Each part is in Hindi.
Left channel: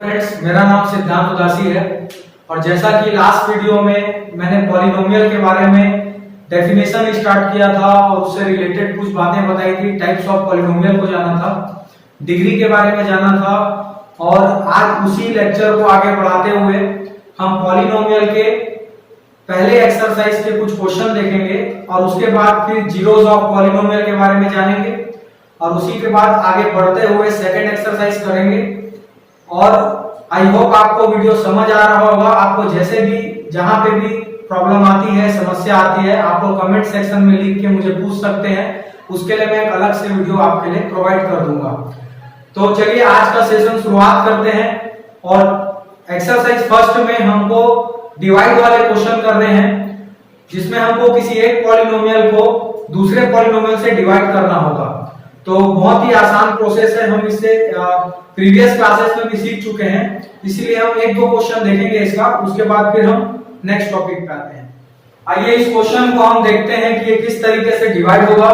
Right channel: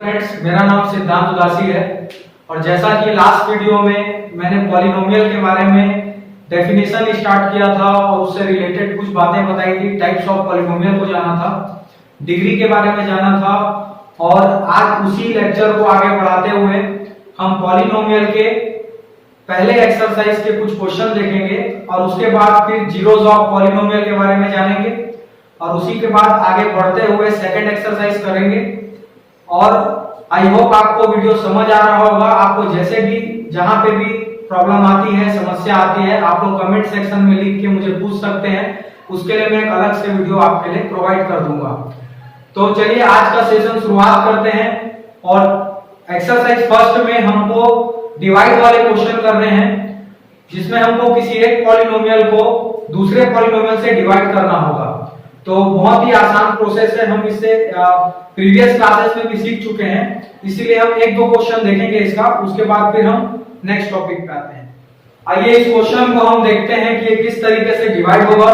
फ्रेंड्स, मेरा नाम सिद्धांत उदासी है और जैसा कि लास्ट वीडियो में मैंने पॉलिनोमियल के बारे में डेफिनेशन स्टार्ट किया था और उससे रिलेटेड कुछ बातें बताई थी। टाइप्स ऑफ पॉलिनोमियल को जाना था, डिग्री के बारे में जाना था और आज उसी लेक्चर को आगे बढ़ाते हुए हम पॉलिनोमियल के पहले एक्सरसाइज के कुछ क्वेश्चन देखेंगे और उसके बाद फिर जीरोस ऑफ पॉलिनोमियल के बारे में जानेंगे और उसी के बाद आगे बढ़ते हुए सेकंड एक्सरसाइज करेंगे। और आई होप आपको वीडियो समझ आ रहा होगा। आपको जैसे भी जहां पे भी प्रॉब्लम आती है, समस्या आती है, आप लोग कमेंट सेक्शन में लिख के मुझे पूछ सकते हैं। उसके लिए मैं एक अलग से वीडियो आपके लिए प्रोवाइड कर दूंगा। तो चलिए आज का सेशन शुरुआत करते हैं और एक्सरसाइज फर्स्ट में हमको डिवाइड वाले क्वेश्चन करने हैं, जिसमें हमको किसी एक पॉलिनोमियल को दूसरे पॉलिनोमियल से डिवाइड करना होगा। तो बहुत ही आसान प्रोसेस है, हम इससे प्रीवियस क्लासेस में भी सीख चुके हैं, इसीलिए हम एक दो क्वेश्चन देखेंगे इसका, उसके बाद फिर हम नेक्स्ट टॉपिक पे आते हैं। आइए इस क्वेश्चन को हम देखते हैं कि किस तरीके से डिवाइड होगा।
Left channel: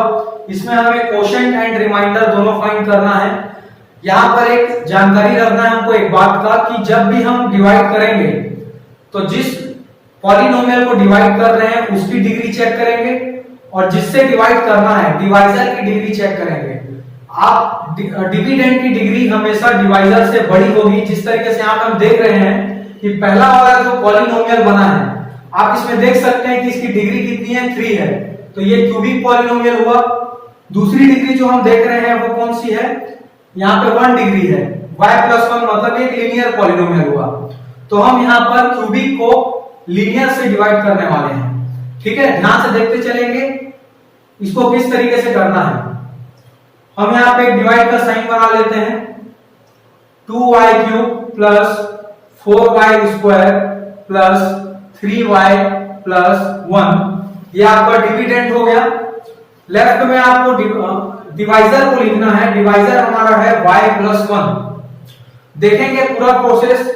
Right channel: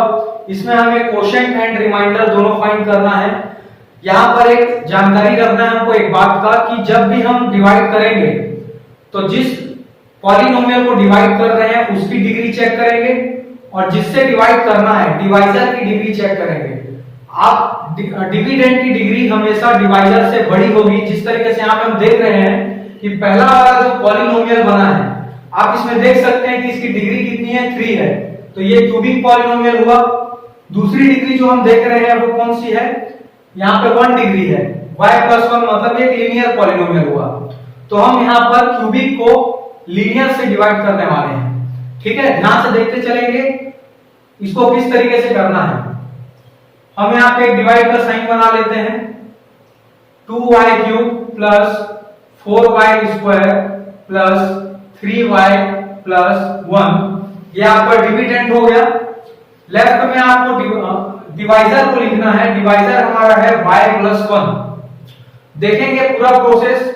इसमें हमें क्वोशेंट एंड रिमाइंडर दोनों फाइंड करना है। यहाँ पर एक जानकारी रखना है हमको एक बात का कि जब भी हम डिवाइड करेंगे तो जिस पॉलिनोमियल को डिवाइड कर रहे हैं उसकी डिग्री चेक करेंगे और जिससे डिवाइड करना है डिवाइजर की डिग्री चेक करेंगे। आप डिविडेंड की डिग्री हमेशा डिवाइजर से बड़ी होगी। जिस तरीके से यहाँ पे हम देख रहे हैं कि पहला वाला जो पॉलिनोमियल बना है, आप इसमें देख सकते हैं कि इसकी डिग्री कितनी है, 3 है। तो ये क्यूबिक पॉलिनोमियल हुआ। दूसरी डिग्री जो हम देख रहे हैं वो कौन सी है, यहाँ पे 1 डिग्री है। y+1 मतलब एक लीनियर पॉलिनोमियल हुआ। तो हम यहाँ पर क्यूबिक को लीनियर से डिवाइड करने वाले हैं। ठीक है, ध्यान से देखते चलेंगे इसको किस तरीके से करना है। हम यहाँ पे डिवाइड का साइन बना लेते हैं। 2y³ plus 4y² plus 3y+1, ये आपका डिविडेंड हो गया। लेफ्ट में आपको डिवाइजर को लिखना है। डिवाइजर हमारा है y+1। देखेंगे पूरा प्रोसेस।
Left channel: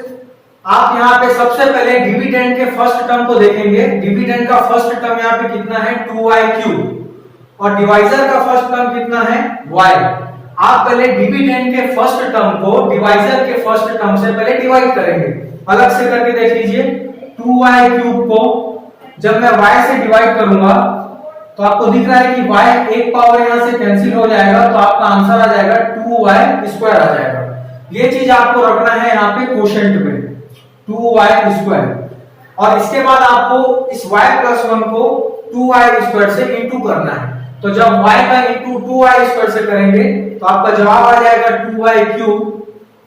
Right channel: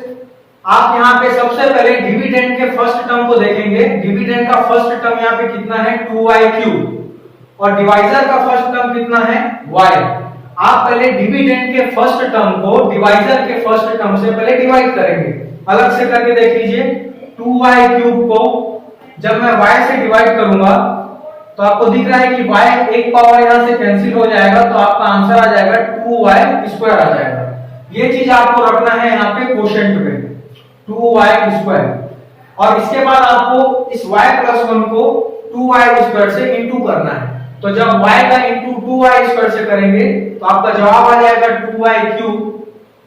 आप यहाँ पे सबसे पहले डिविडेंड के फर्स्ट टर्म को देखेंगे। डिविडेंड का फर्स्ट टर्म यहाँ पे कितना है, 2y³ और डिवाइजर का फर्स्ट टर्म कितना है, y। आप पहले डिविडेंड के फर्स्ट टर्म को डिवाइजर के फर्स्ट टर्म से पहले डिवाइड करेंगे। अलग से करके देख लीजिए। 2y³ को जब मैं y से डिवाइड करूंगा तो आपको दिख रहा है कि y एक पावर यहां से कैंसिल हो जाएगा, तो आपका आंसर आ जाएगा 2y² आ जाएगा। ये चीज आपको रखना है यहाँ पे क्वोशेंट में, 2y²। और इसके बाद आपको इस y+1 को 2y² से इंटू करना है। तो जब y का इंटू 2y² से करेंगे तो आपका जवाब आ जाएगा 2y³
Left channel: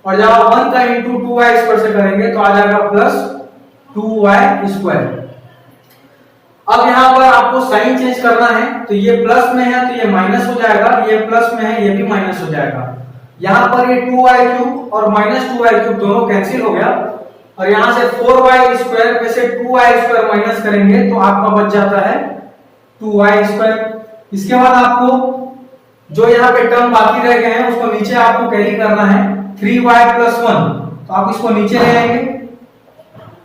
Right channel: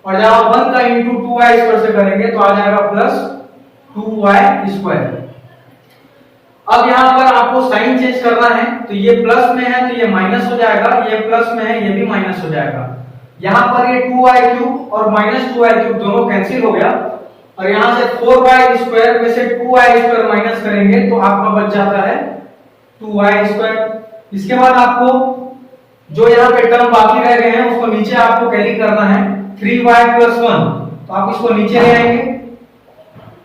और जब आप 1 का इंटू 2y² से करेंगे तो आ जाएगा प्लस 2y²। अब यहाँ पर आपको साइन चेंज करना है। तो ये प्लस में है तो ये माइनस हो जाएगा, ये प्लस में है ये भी माइनस हो जाएगा। यहाँ पर ये 2y³ और -2y³ दोनों कैंसिल हो गया और यहाँ से 4y² में से 2y² माइनस करेंगे तो आपका बच जाता है 2y²। इसके बाद आपको जो यहाँ पे टर्म बाकी रह गए हैं उसको नीचे आपको कैरी करना है, 3y+1। तो आप इसको नीचे ले आएंगे।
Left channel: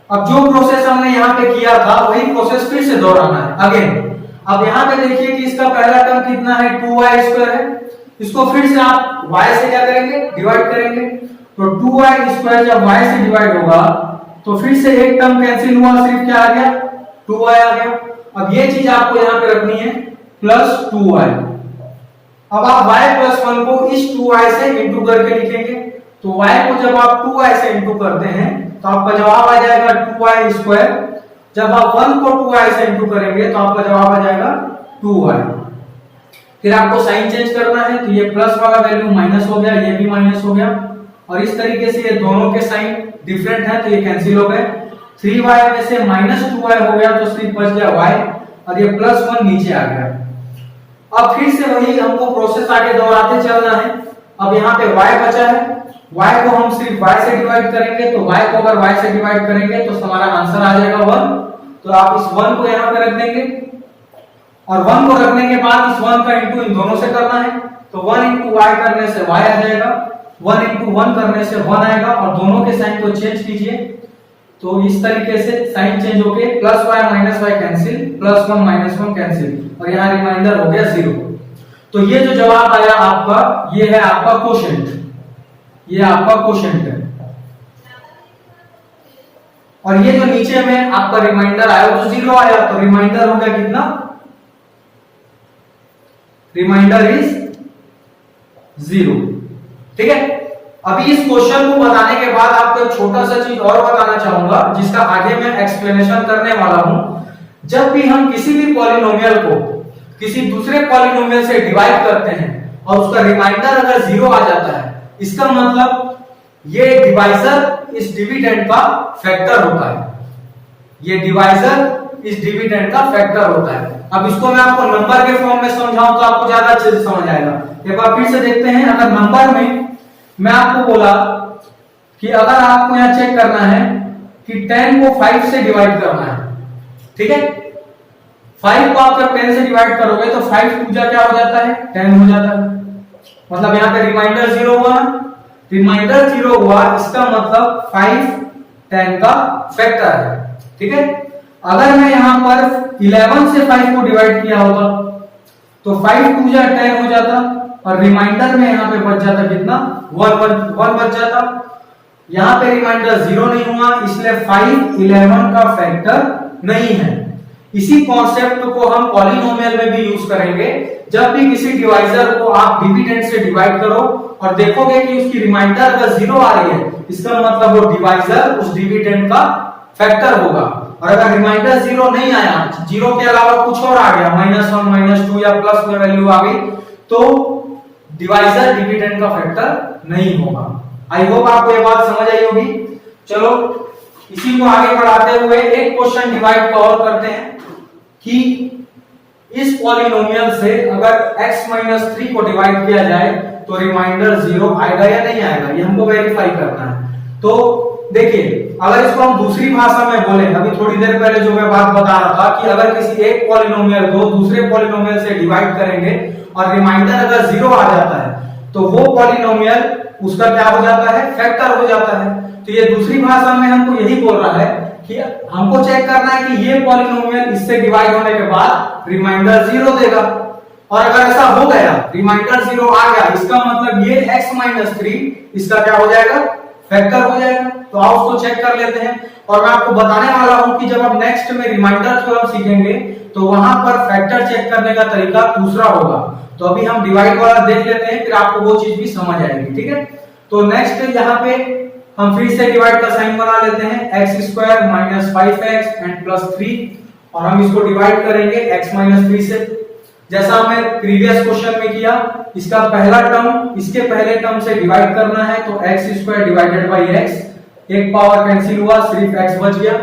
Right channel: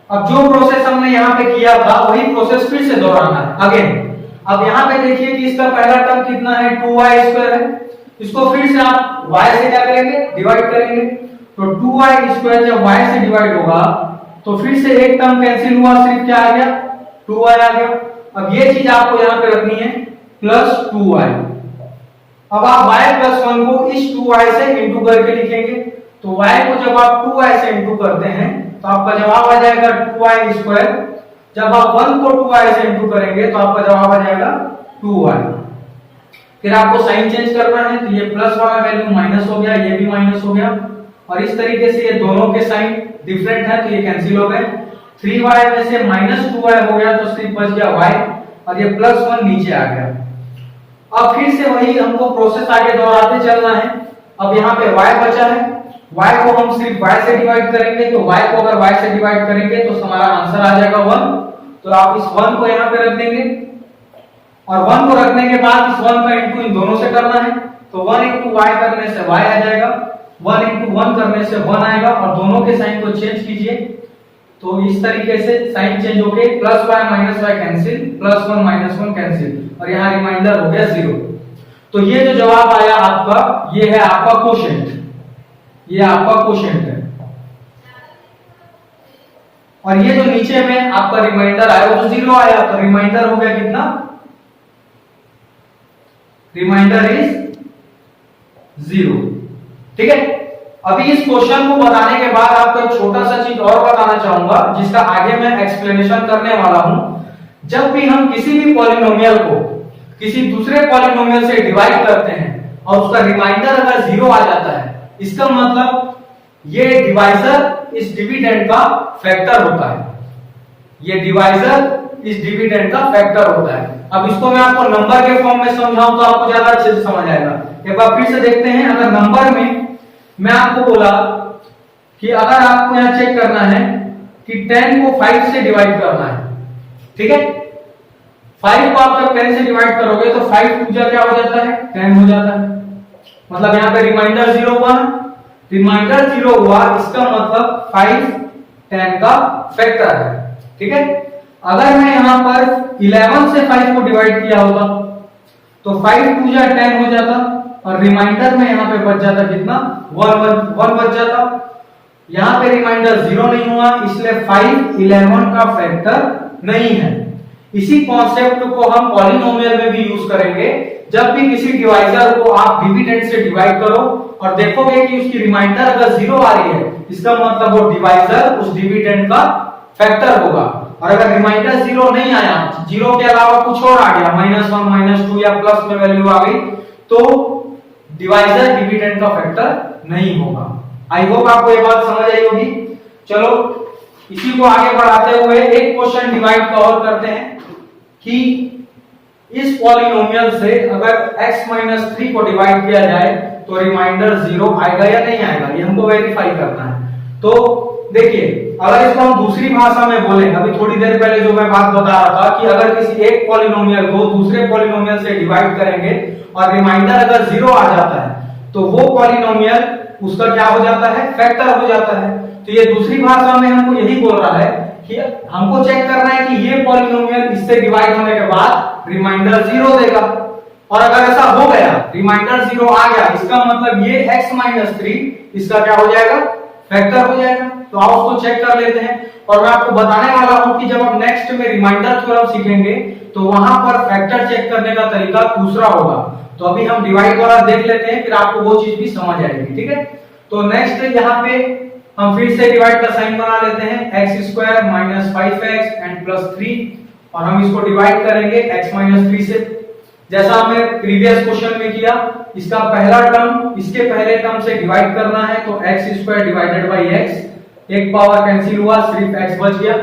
अब जो प्रोसेस हमने यहाँ पे किया था वही प्रोसेस फिर से दोहराना है अगेन। अब यहाँ पे देखिए कि इसका पहला टर्म कितना है, 2y² है। इसको फिर से आप y से क्या करेंगे, डिवाइड करेंगे। तो 2y² जब y से डिवाइड होगा तो फिर से एक टर्म कैंसिल हुआ, सिर्फ क्या आ गया, 2y आ गया। अब ये चीज आपको यहाँ पे रखनी है प्लस 2y। अब आप y+1 को इस 2y से इंटू करके लिखेंगे। तो y को जब आप 2y से इंटू करते हैं तो आपका जवाब आ जाएगा 2y²। जब आप 1 को 2y से इंटू करेंगे तो आपका जवाब आ जाएगा 2y। फिर आपको साइन चेंज करना है। तो ये प्लस वाला वैल्यू माइनस हो गया, ये भी माइनस हो गया और इस तरीके से ये दोनों के साइन डिफरेंट है तो ये कैंसिल हो गए। 3y में से -2y हो गया तो सिर्फ बच गया y और ये +1 नीचे आ गया। अब फिर से वही हमको प्रोसेस आगे दोहराते चलना है। अब यहाँ पे y बचा है, y को हम सिर्फ y से डिवाइड करेंगे। तो y को अगर y से डिवाइड करेंगे तो हमारा आंसर आ जाएगा 1। तो आप इस 1 को यहाँ पे रख देंगे और 1 को रखने के बाद इस 1 का इंटू इन दोनों से करना है। तो 1 इंटू y करने से y आ जाएगा, 1 इंटू 1 करने से 1 आएगा और दोनों के साइन को चेंज कीजिए। तो इस तरीके से साइन चेंज होके +y -y कैंसिल, +1 -1 कैंसिल और यहाँ रिमाइंडर हो गया 0। तो ये जो जवाब आया आपका, ये है आपका क्वोशेंट, ये आपका क्वोशेंट है। और ये जो नीचे में आपका रिमाइंडर आया वो तो 0 आया, तो रिमाइंडर हो गया कितना, रिमाइंडर इज 0। ठीक है, अभी इस क्वेश्चन को बताने के बाद आपको एक छोटा सा चीज और बताना चाहूंगा जिसका आगे मैं एक्सप्लेनेशन करने वाला हूं। जब भी हम किसी भी पॉलिनोमियल को किसी दूसरे पॉलिनोमियल से डिवाइड करते हैं और उसका रिमाइंडर अगर 0 आ जाता है, इसका मतलब ये डिवाइजर इस डिविडेंड का फैक्टर होता है, ये डिवाइजर इस डिविडेंड का फैक्टर होता है। अब इसको मैं आपको नंबर के फॉर्म में समझाऊं तो आपको ज्यादा अच्छे से समझ आएगा। एक बार फिर से देखते हैं, अगर नंबर में मैं आपको बोला कि अगर आपको यहां चेक करना है कि 10 को 5 से डिवाइड करना है, ठीक है, 5 को आप जब 10 से डिवाइड करोगे तो 5 पूजा क्या हो जाता है, 10 हो जाता है। मतलब यहाँ पे रिमाइंडर 0 हुआ, रिमाइंडर 0 हुआ, इसका मतलब 5 10 का फैक्टर है। ठीक है, अगर मैं यहाँ पर 11 से 5 को डिवाइड किया होता तो 5 पूजा 10 हो जाता और रिमाइंडर में यहाँ पे बच जाता कितना, 1 बच जाता। यहाँ पे रिमाइंडर 0 नहीं हुआ, इसलिए 5 11 का फैक्टर नहीं है। इसी कॉन्सेप्ट को हम पॉलिनोमियल में भी यूज करेंगे। जब भी किसी डिवाइजर को आप डिविडेंड से डिवाइड करो और देखोगे कि उसकी रिमाइंडर अगर 0 आ रही है, इसका मतलब वो डिवाइजर उस डिविडेंड का फैक्टर होगा। और अगर रिमाइंडर 0 नहीं आया, 0 के अलावा कुछ और आ गया, -1 -2 या प्लस में वैल्यू आ गई, तो डिवाइजर डिविडेंड का फैक्टर नहीं होगा। आई होप आपको ये बात समझ आई होगी। चलो इसी को आगे बढ़ाते हुए एक क्वेश्चन डिवाइड का और करते हैं कि इस पॉलिनोमियल से अगर x-3 को डिवाइड किया जाए तो रिमाइंडर 0 आएगा या नहीं आएगा, ये हमको वेरीफाई करना है। तो देखिए, अगर इसको हम दूसरी भाषा में बोले, अभी थोड़ी देर पहले जो मैं बात बता रहा था कि अगर किसी एक पॉलिनोमियल को दूसरे पॉलिनोमियल से डिवाइड करेंगे और रिमाइंडर अगर 0 आ जाता है तो वो पॉलिनोमियल उसका क्या हो जाता है, फैक्टर हो जाता है। तो ये दूसरी भाषा में हमको यही बोल रहा है कि हमको चेक करना है कि ये पॉलिनोमियल इससे डिवाइड होने के बाद रिमाइंडर 0 देगा, और अगर ऐसा हो गया, रिमाइंडर 0 आ गया, इसका मतलब ये x-3 इसका क्या हो जाएगा, फैक्टर हो जाएगा। तो आप उसको चेक कर लेते हैं। और मैं आपको बताने वाला हूं कि जब आप नेक्स्ट में रिमाइंडर थ्योरम सीखेंगे तो वहां पर फैक्टर चेक करने का तरीका दूसरा होगा। तो अभी हम डिवाइड वाला देख लेते हैं, फिर आपको वो चीज भी समझ आएगी। ठीक है, तो नेक्स्ट यहाँ पे हम फिर से डिवाइड का साइन बना लेते हैं, x² - 5x एंड +3, और हम इसको डिवाइड करेंगे x - 3 से, जैसा हमने प्रीवियस क्वेश्चन में किया। इसका पहला टर्म इसके पहले टर्म से डिवाइड करना है, तो x² डिवाइडेड बाई x, एक पावर कैंसिल हुआ, सिर्फ x बच गया।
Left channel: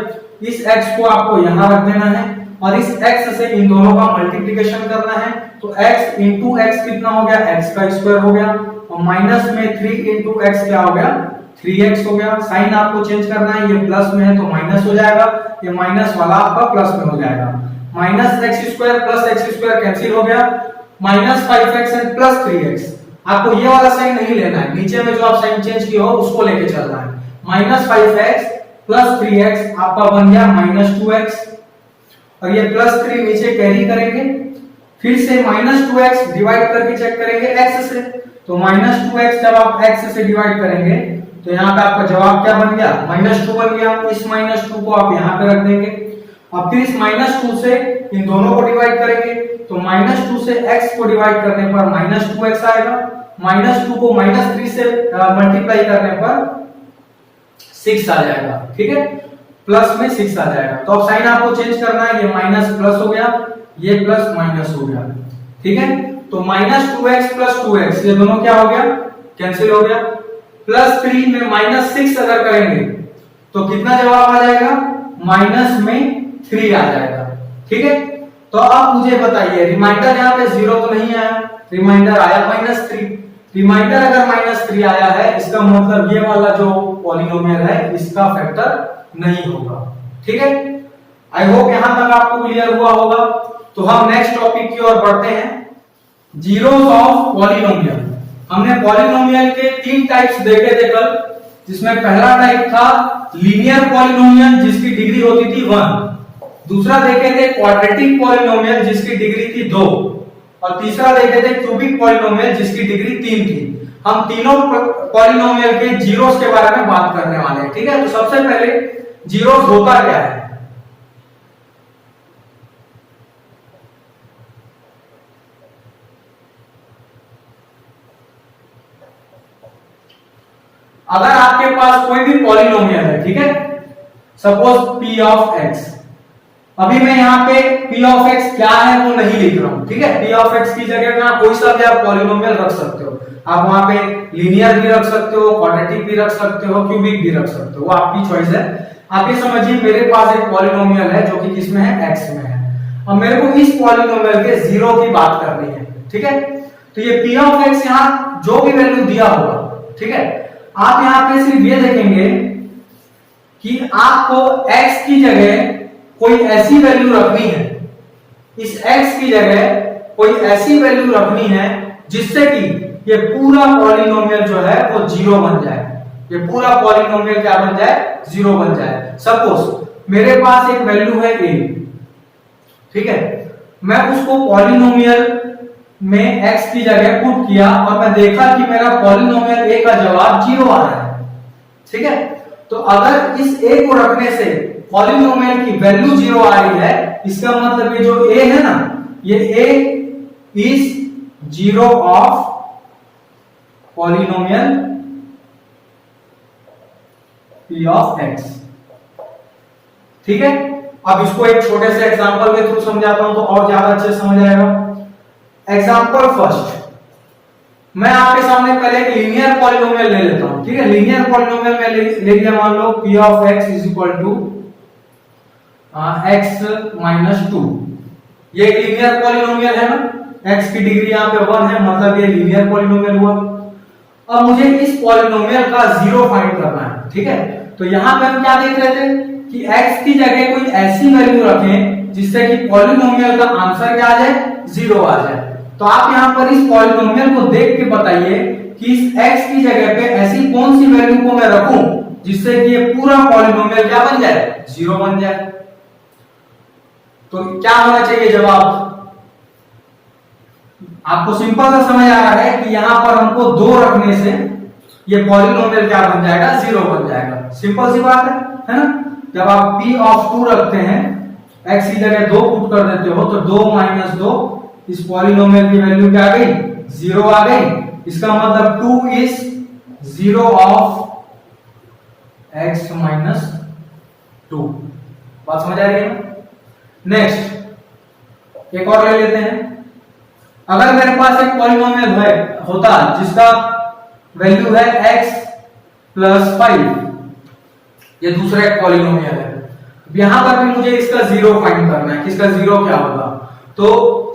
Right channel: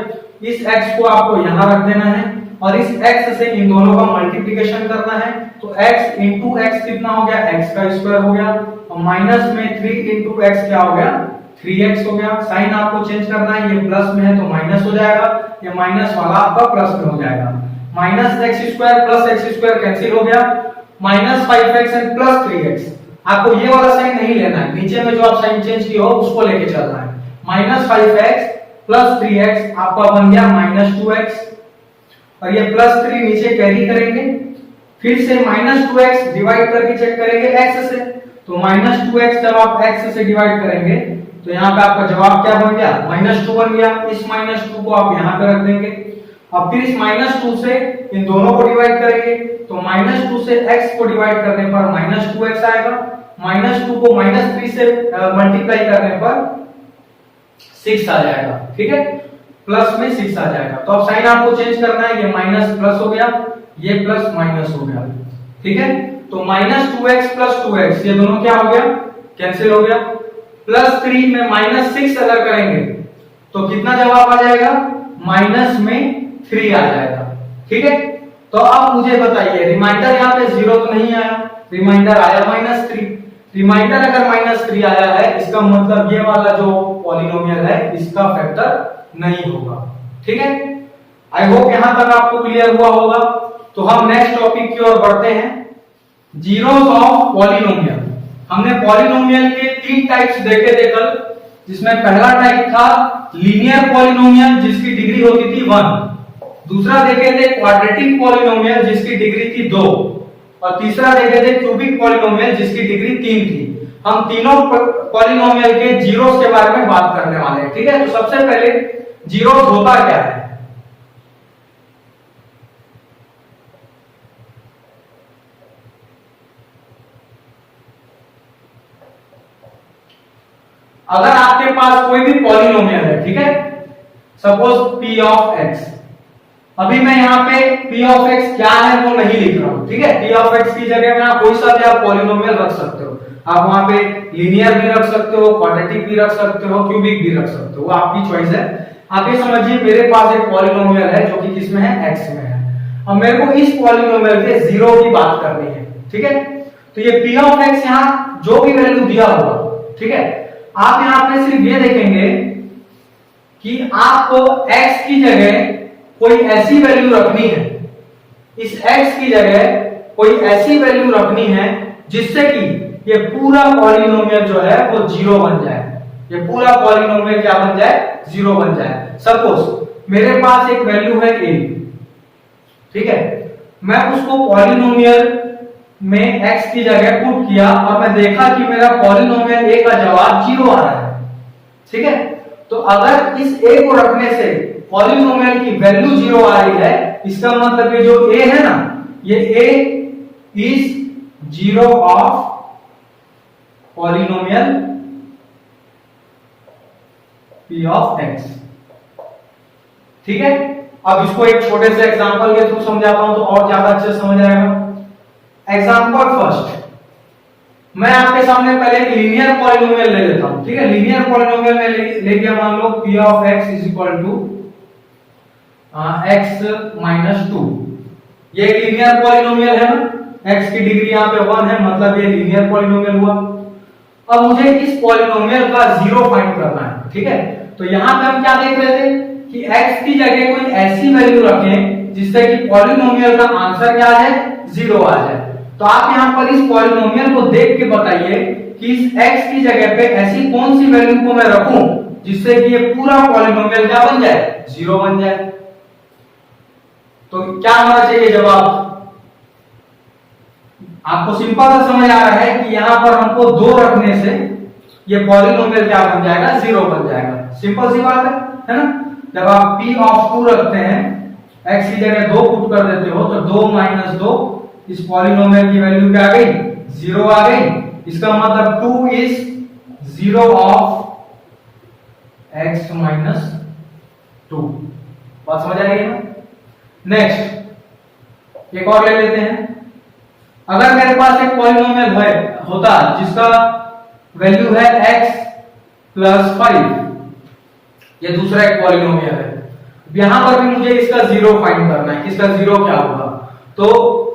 इस x को आपको यहां रख देना है और इस x से इन दोनों का मल्टीप्लिकेशन करना है, तो x इंटू x कितना हो गया, x का स्क्वायर हो गया, और माइनस में 3 इंटू x क्या हो गया, 3x हो गया। साइन आपको चेंज करना है, ये प्लस में है तो माइनस हो जाएगा, ये माइनस वाला आपका प्लस में हो जाएगा। -x² प्लस x² कैंसिल हो गया, -5x एंड +3x। आपको ये वाला साइन नहीं लेना है, नीचे में जो आप साइन चेंज किए हो उसको लेके चलना है। -5x प्लस 3x आपका बन गया -2x, और ये +3 नीचे कैरी करेंगे, फिर से -2x डिवाइड करके चेक करेंगे x से, तो -2x जब आप x से डिवाइड करेंगे तो यहाँ पे आपका जवाब क्या बन गया, -2 बन गया। इस -2 को आप यहाँ पे रख देंगे। अब फिर इस -2 से इन दोनों को डिवाइड करेंगे, तो -2 से x को डिवाइड करने पर -2x आएगा, -2 को -3 से मल्टीप्लाई करने पर 6 आ जाएगा। ठीक है, प्लस में 6 आ जाएगा। तो अब साइन आपको चेंज करना है, ये माइनस प्लस हो गया, ये प्लस माइनस हो गया। ठीक है, तो -2x + 2x ये दोनों क्या हो गया, कैंसिल हो गया। +3 में -6 अगर करेंगे तो कितना जवाब आ जाएगा, -3 आ जाएगा। ठीक है, तो अब मुझे बताइए, रिमाइंडर यहाँ पे 0 तो नहीं आया, रिमाइंडर आया -3। रिमाइंडर अगर -3 आया है, इसका मतलब ये वाला जो पॉलिनोमियल है इसका फैक्टर नहीं होगा। ठीक है, आई होप यहां तक आपको क्लियर हुआ होगा। तो हम नेक्स्ट टॉपिक की ओर बढ़ते हैं, जीरोस ऑफ पॉलिनोमियल। हमने पॉलिनोमियल के 3 टाइप्स देखे थे कल, जिसमें पहला टाइप था लीनियर पॉलिनोमियल जिसकी डिग्री होती थी 1, दूसरा देखे थे क्वाड्रेटिक पॉलिनोमियल जिसकी डिग्री थी 2, और तीसरा देखे थे क्यूबिक पॉलिनोमियल जिसकी डिग्री 3 थी। हम तीनों पॉलिनोमियल के जीरोस के बारे में बात करने वाले हैं। ठीक है, तो सबसे पहले जीरोस होता क्या है? अगर आपके पास कोई भी पॉलिनोमियल है, ठीक है, सपोज p ऑफ x, अभी मैं यहाँ पे p ऑफ x क्या है वो नहीं लिख रहा हूं, ठीक है। p ऑफ x की जगह में आप कोई सा भी आप पॉलिनोमियल रख सकते हो, आप वहां पे लीनियर भी रख सकते हो, क्वाड्रेटिक भी रख सकते हो, क्यूबिक भी रख सकते हो, वो आपकी चॉइस है। आप ये समझिए मेरे पास एक पॉलिनोमियल है जो कि किसमें है, x में है। अब मेरे को इस पॉलिनोमियल के जीरो की बात करनी है, ठीक है। तो ये p ऑफ x यहाँ जो भी वैल्यू दिया होगा, ठीक है, आप यहाँ पे सिर्फ ये देखेंगे कि आपको x की जगह कोई ऐसी वैल्यू रखनी है, इस x की जगह कोई ऐसी वैल्यू रखनी है जिससे कि ये पूरा पॉलिनोमियल जो है वो जीरो बन जाए, ये पूरा पॉलिनोमियल क्या बन जाए, जीरो बन जाए। सपोज मेरे पास एक वैल्यू है a, ठीक है, मैं उसको पॉलिनोमियल में x की जगह पुट किया और मैं देखा कि मेरा पॉलिनोमियल a का जवाब जीरो आ रहा है, ठीक है। तो अगर इस a को रखने से पॉलिनोमियल की वैल्यू जीरो आ रही है, इसका मतलब ये जो a है ना, ये a is zero of polynomial p of x, ठीक है। अब इसको एक छोटे से एग्जांपल के थ्रू समझाता हूं तो और ज्यादा अच्छे से समझ आएगा। एग्जांपल फर्स्ट, मैं आपके सामने पहले एक लीनियर पॉलिनोमियल ले लेता हूं, ठीक है। लीनियर पॉलिनोमियल में ले लिया, मान लो p of x is equal to x minus 2, ये एक लीनियर पॉलिनोमियल है ना, x की डिग्री यहाँ पे 1 है, मतलब ये लीनियर पॉलिनोमियल हुआ। अब मुझे इस पॉलिनोमियल का जीरो फाइंड करना है, ठीक है। तो यहाँ पे हम क्या देख रहे थे कि x की जगह कोई ऐसी वैल्यू रखें जिससे कि पॉलिनोमियल का आंसर क्या आ जाए, जीरो आ जाए। तो आप यहाँ पर इस पॉलिनोमियल को देख के बताइए कि इस x की जगह पे ऐसी कौन सी वैल्यू को मैं रखूं जिससे कि ये पूरा पॉलिनोमियल क्या बन जाए, जीरो बन जाए। तो क्या होना चाहिए जवाब? आपको सिंपल सा समझ आ रहा है कि यहां पर हमको दो रखने से ये पॉलिनोमियल क्या बन जाएगा, जीरो बन जाएगा। सिंपल सी बात है ना। जब आप p ऑफ 2 रखते हैं, x की जगह 2 पुट कर देते हो तो 2 माइनस 2, इस पॉलिनोमियल की वैल्यू क्या आ गई, जीरो आ गई। इसका मतलब 2 is zero of x minus 2। बात समझ आ रही है ना। नेक्स्ट एक और ले लेते हैं। अगर मेरे पास एक पॉलिनोमियल होता जिसका वैल्यू है x प्लस 5, ये दूसरा एक पॉलिनोमियल है, यहां पर भी मुझे इसका जीरो फाइंड करना है कि इसका जीरो क्या होगा। तो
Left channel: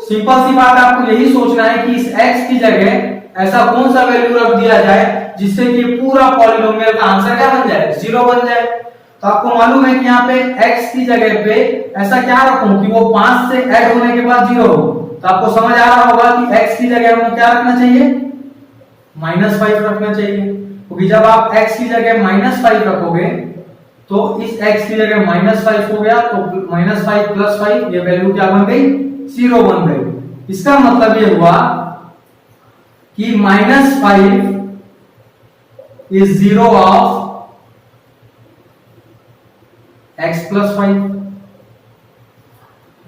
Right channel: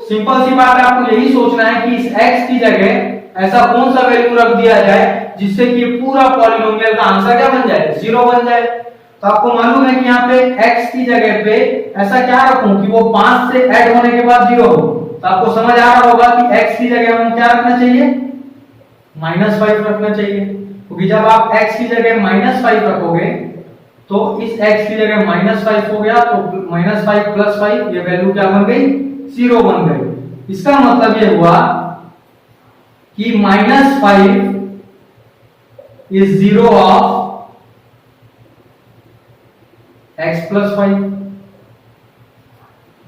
सिंपल सी बात है, आपको यही सोचना है कि इस x की जगह ऐसा कौन सा वैल्यू रख दिया जाए जिससे कि पूरा पॉलिनोमियल का आंसर क्या बन जाए, जीरो बन जाए। तो आपको मालूम है कि यहाँ पे x की जगह पे ऐसा क्या रखूं कि वो 5 से ऐड होने के बाद जीरो हो। तो आपको समझ आ रहा होगा कि x की जगह हमें क्या रखना चाहिए, -5 रखना चाहिए, क्योंकि जब आप x की जगह -5 रखोगे तो इस x की जगह -5 हो गया, तो -5 प्लस 5 ये वैल्यू क्या बन गई, जीरो बन गई। इसका मतलब ये हुआ कि -5 is zero of x plus 5।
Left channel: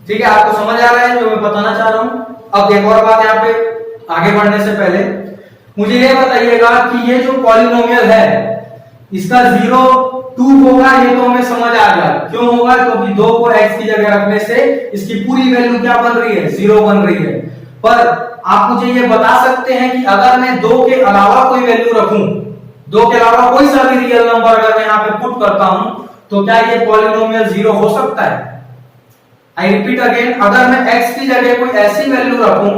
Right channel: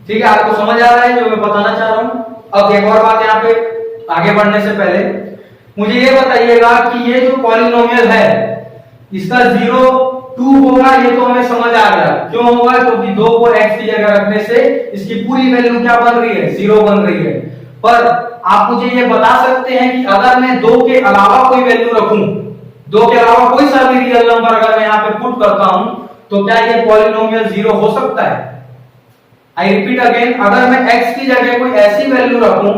ठीक है, आपको समझ आ रहा है जो मैं बताना चाह रहा हूं। अब एक और बात, यहाँ पे आगे बढ़ने से पहले मुझे ये बताइएगा कि ये जो पॉलिनोमियल है इसका 0 2 होगा, ये तो हमें समझ आ गया। क्यों होगा, क्योंकि 2 को x की जगह रखने से इसकी पूरी वैल्यू क्या बन रही है, 0 बन रही है। पर आप मुझे ये बता सकते हैं कि अगर मैं 2 के अलावा कोई वैल्यू रखूं, 2 के अलावा कोई सा भी रियल नंबर अगर मैं यहाँ पे पुट करता हूं, तो क्या ये पॉलिनोमियल 0 हो सकता है? आई रिपीट अगेन, अगर मैं x की जगह कोई ऐसी वैल्यू रखूं